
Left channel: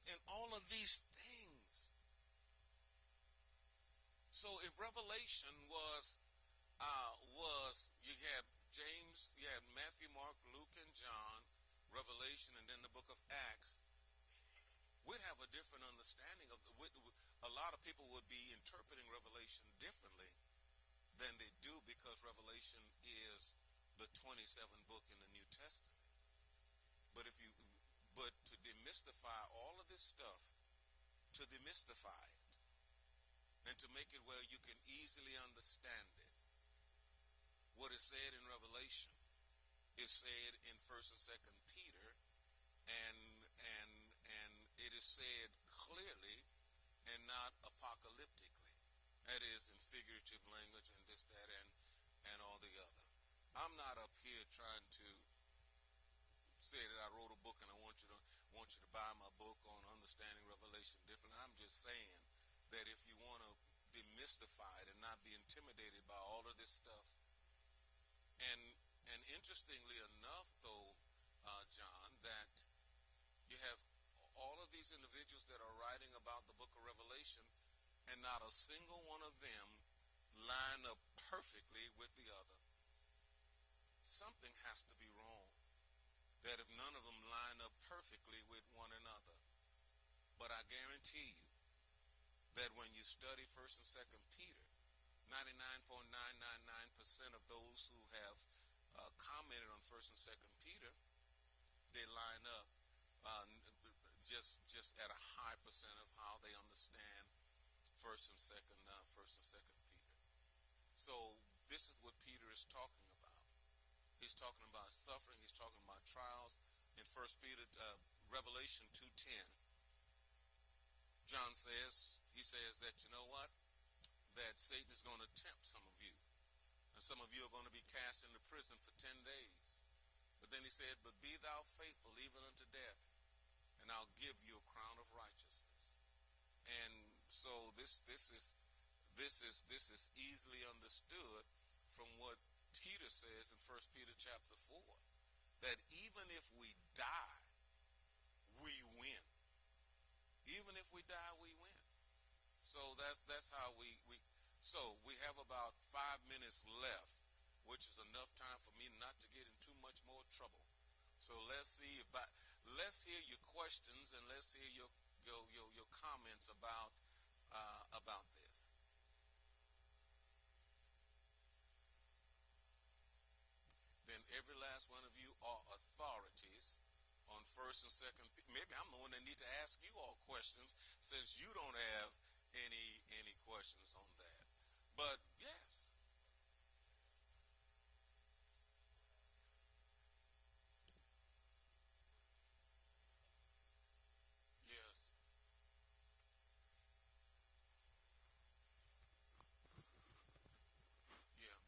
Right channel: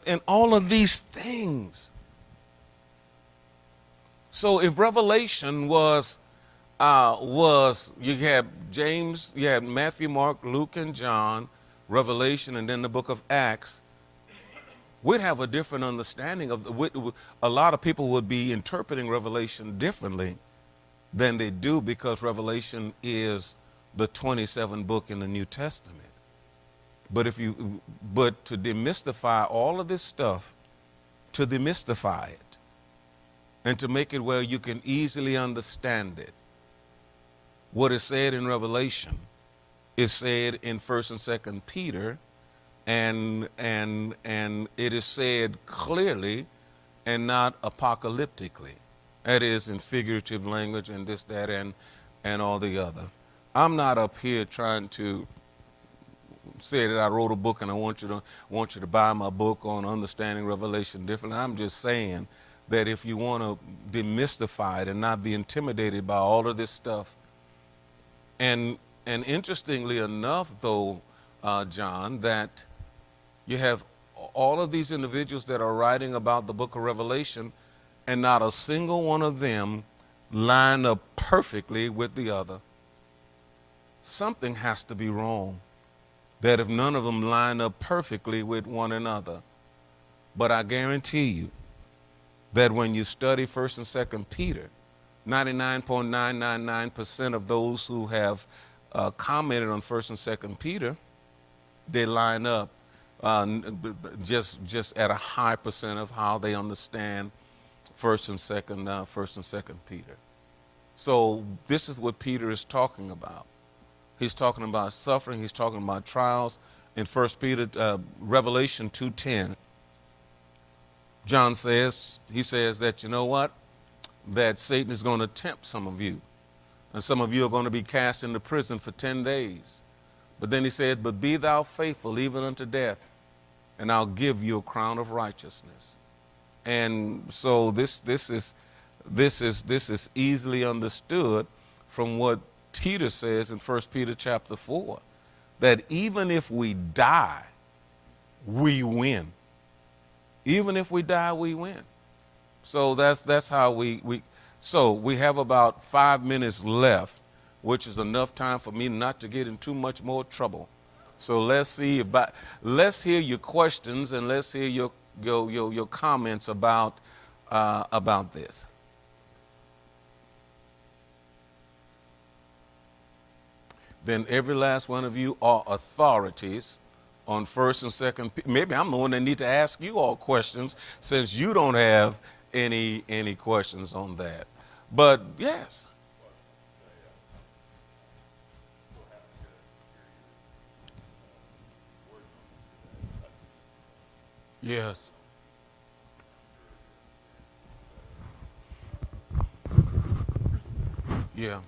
and all of these things. So if Revelation was you had James, you had Matthew, Mark, Luke, and John, Revelation, and then the book of Acts, we'd have a different understanding of a lot of people would be interpreting Revelation differently than they do, because Revelation is the 27th book in the New Testament. But to demystify all of this stuff, to demystify it, and to make it where you can easily understand it, what is said in Revelation is said in 1st and 2nd Peter, and it is said clearly and not apocalyptically. That is, in figurative language and this, that, and all the other. I'm not up here trying to say that I wrote a book and I want you to buy my book on understanding Revelation differently. I'm just saying that if you want to demystify it and not be intimidated by all of this stuff, and interestingly enough, though, John, that you have all of these individuals that are writing about the book of Revelation, and not a single one of them line up perfectly with the other. Something has to be wrong, that if none of them line up perfectly with one another. But I guarantee you that when you study 1st and 2nd Peter, 99.999% of those who have commented on 1st and 2nd Peter, they line up just at a high percent of how they understand 1st and 2nd Peter. So this is what Peter is talking about. He's talking about suffering. He's talking about trials. In 1 Peter, Revelation 2:10, John says, he says that, you know what? That Satan is going to tempt some of you. And some of you are going to be cast into prison for 10 days. But then he said, but be thou faithful even unto death, and I'll give you a crown of righteousness. And so this is easily understood from what Peter says in 1 Peter chapter 4, that even if we die, we win. Even if we die, we win. So that's how so we have about 5 minutes left, which is enough time for me not to get in too much more trouble. So let's hear your questions, and let's hear your comments about this. Then every last one of you are authorities on 1st and 2nd. Maybe I'm the one that need to ask you all questions, since you don't have any questions on that. But yes. Yes. Yeah.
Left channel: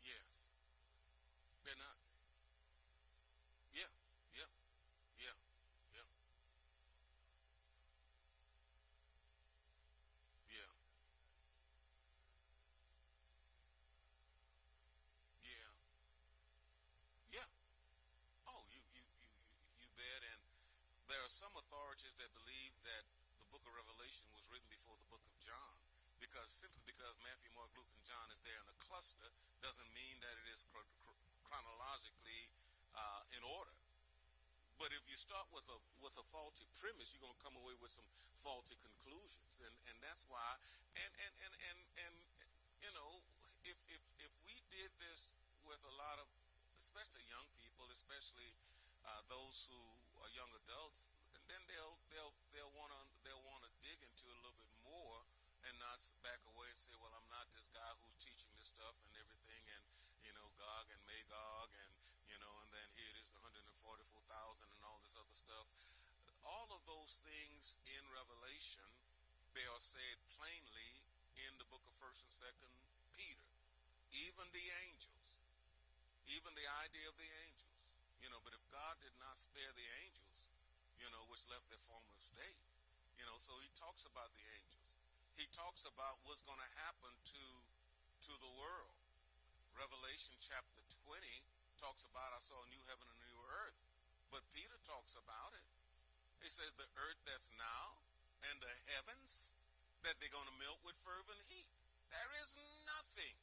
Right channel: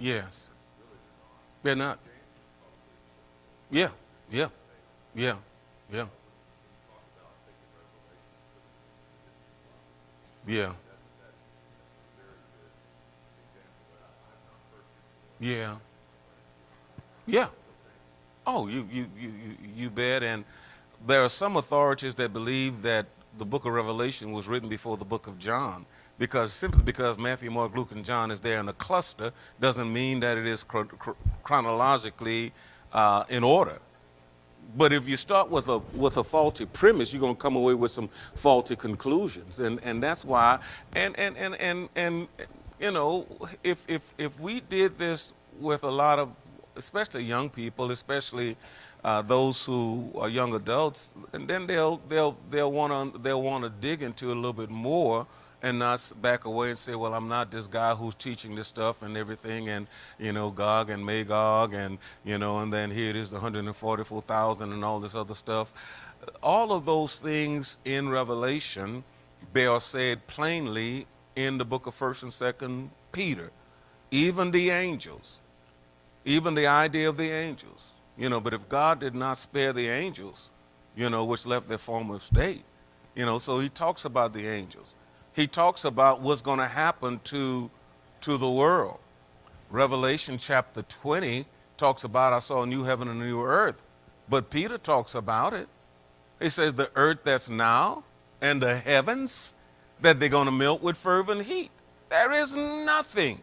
Yes. They're not. Yeah. Yeah. Yeah. Yeah. Yeah. Yeah. Yeah. Oh, you bet. And there are some authorities that believe that the book of Revelation was written before the book of John, simply because Matthew, Mark, Luke, and John is there in a cluster doesn't mean that it is chronologically in order. But if you start with a faulty premise, you're going to come away with some faulty conclusions, and that's why. And you know, if we did this with a lot of, especially young people, especially those who are young adults, and then they'll want to dig into it a little bit more, and not back away and say, well, I'm not this guy who's teaching this stuff and everything, and, you know, Gog and Magog, and, you know, and then here it is, the 144,000 and all this other stuff. All of those things in Revelation, they are said plainly in the book of 1st and 2nd Peter. even the angels, even the idea of the angels, but if God did not spare the angels, which left their former state, so he talks about the angels. He talks about what's going to happen to the world. Revelation chapter 20 talks about, I saw a new heaven and a new earth. But Peter talks about it. He says the earth that's now and the heavens that they're going to melt with fervent heat. There is nothing.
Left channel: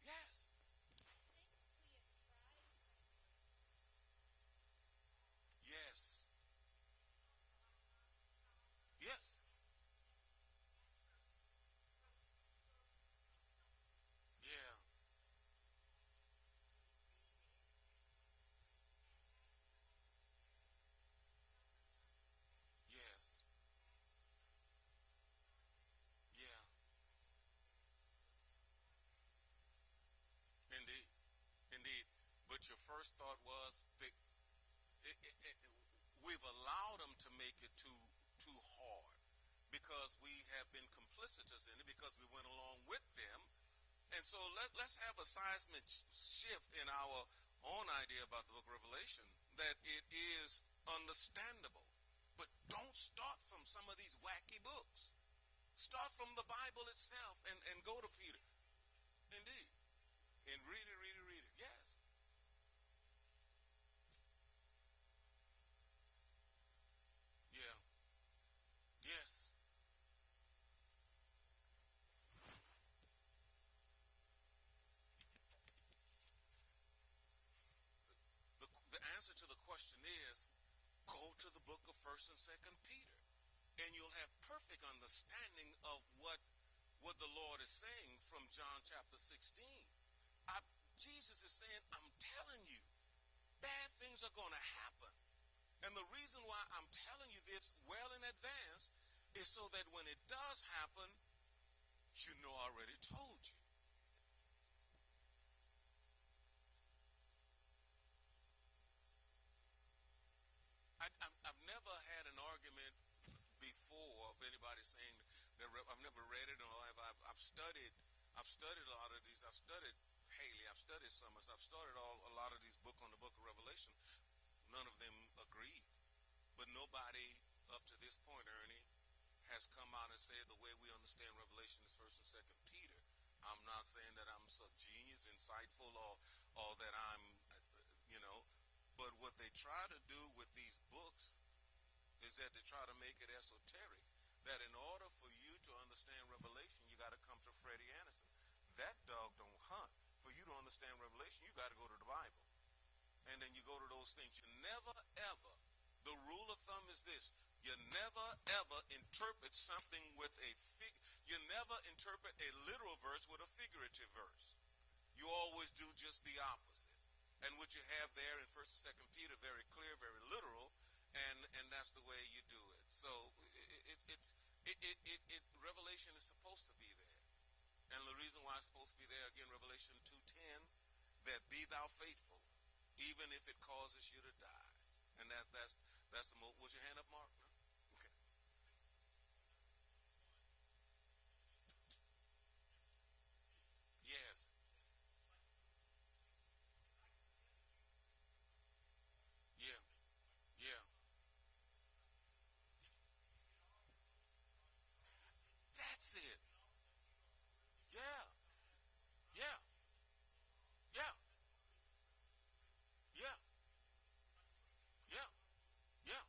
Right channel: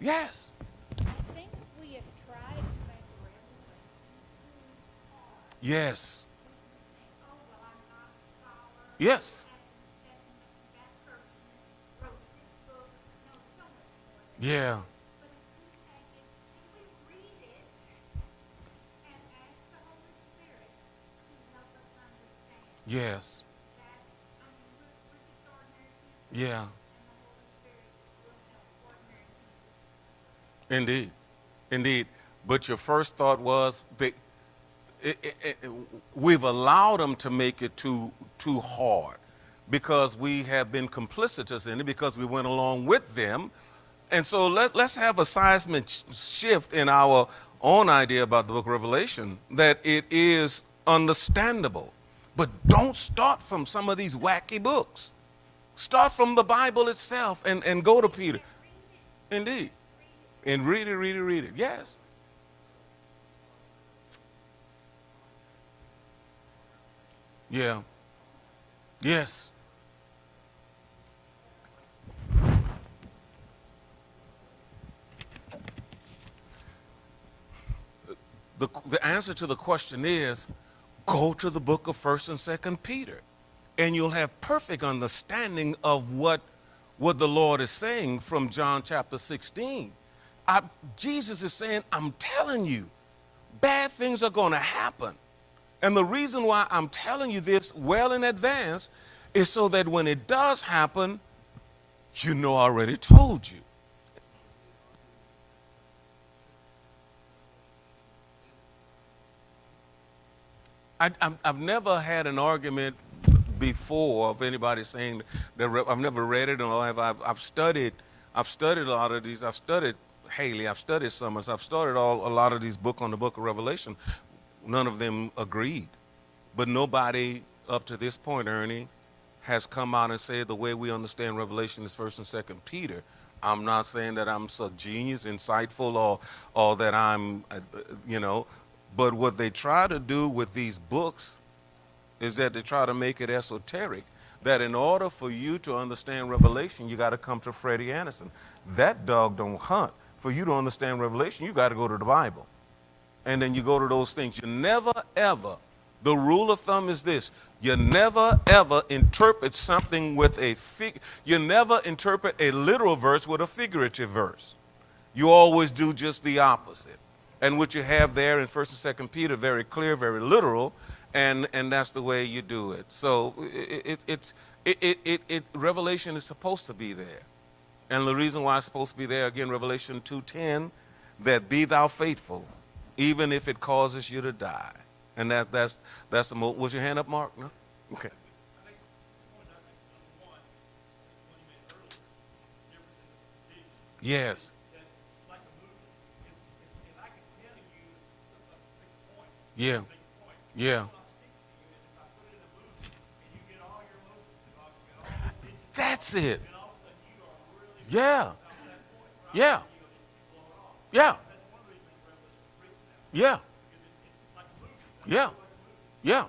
Yes. I think we have tried to make Revelation too hard. Yes. Oh, well, I'm not a scholar. Yes. And that person wrote this book. No, so much more than Yeah. that. But if we take it and we read it and ask the Holy Spirit to help us understand Yes. that, I mean, we're just ordinary people. Yeah. And the Holy Spirit will help ordinary people. Indeed. Indeed. But your first thought was, we've allowed them to make it too hard because we have been complicitous in it because we went along with them. And so let's have a seismic shift in our own idea about the book of Revelation, that it is understandable. But don't start from some of these wacky books. Start from the Bible itself and go to Peter. Indeed. And read it. Yes. Yeah. Yes. The answer to the question is, go to the book of 1st and 2nd Peter, and you'll have perfect understanding of what the Lord is saying from John chapter 16. Jesus is saying, I'm telling you, bad things are going to happen. And the reason why I'm telling you this well in advance is so that when it does happen, I already told you. I've never had an argument before of anybody saying that I've never read it, or I've studied a lot of these. I've studied Haley, I've studied Summers, I've studied a lot of these books on the book of Revelation. None of them agreed. But nobody up to this point, Ernie, has come out and said the way we understand Revelation is 1st and 2nd Peter. I'm not saying that I'm so genius, insightful, or that I'm, but what they try to do with these books is that they try to make it esoteric, that in order for you to understand Revelation, you got to come to Freddie Anderson. That dog don't hunt. For you to understand Revelation, you got to go to the Bible. And then you go to those things. You never, ever, the rule of thumb is this, you never, ever interpret something with you never interpret a literal verse with a figurative verse. You always do just the opposite. And what you have there in 1st and 2nd Peter, very clear, very literal, and that's the way you do it. So Revelation is supposed to be there. And the reason why it's supposed to be there, again, Revelation 2:10, that be thou faithful, even if it causes you to die. And that's the most. Was your hand up, Mark? No? Okay. Yes. Yeah. Yeah. That's it. Yeah. Yeah. Yeah. Yeah. Yeah. Yeah.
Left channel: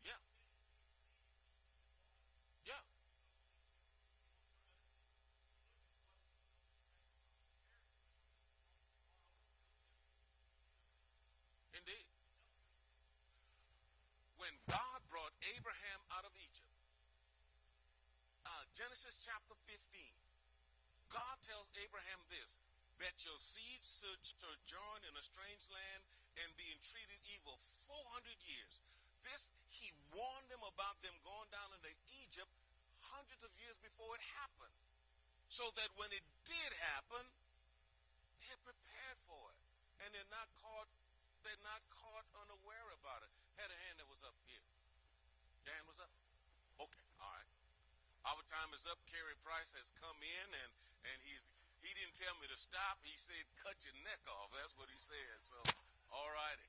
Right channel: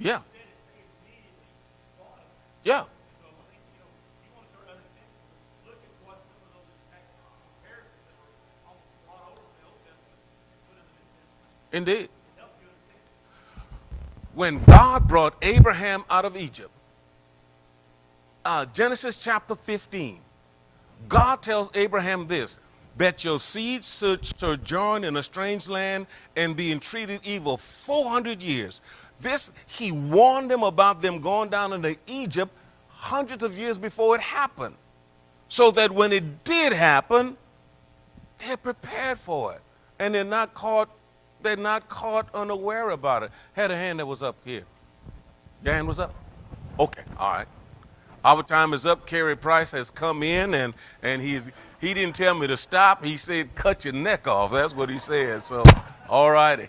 Yeah. Yeah. Indeed. When God brought Abraham out of Egypt, Genesis chapter 15, God tells Abraham this, that your seed should sojourn in a strange land and be entreated evil 400 years. This, he warned them about them going down into Egypt hundreds of years before it happened, so that when it did happen, they're prepared for it, and they're not caught unaware about it. Had a hand that was up here. Your hand was up? Okay, all right. Our time is up. Kerry Price has come in, and he didn't tell me to stop. He said, cut your neck off. That's what he said. So, all righty.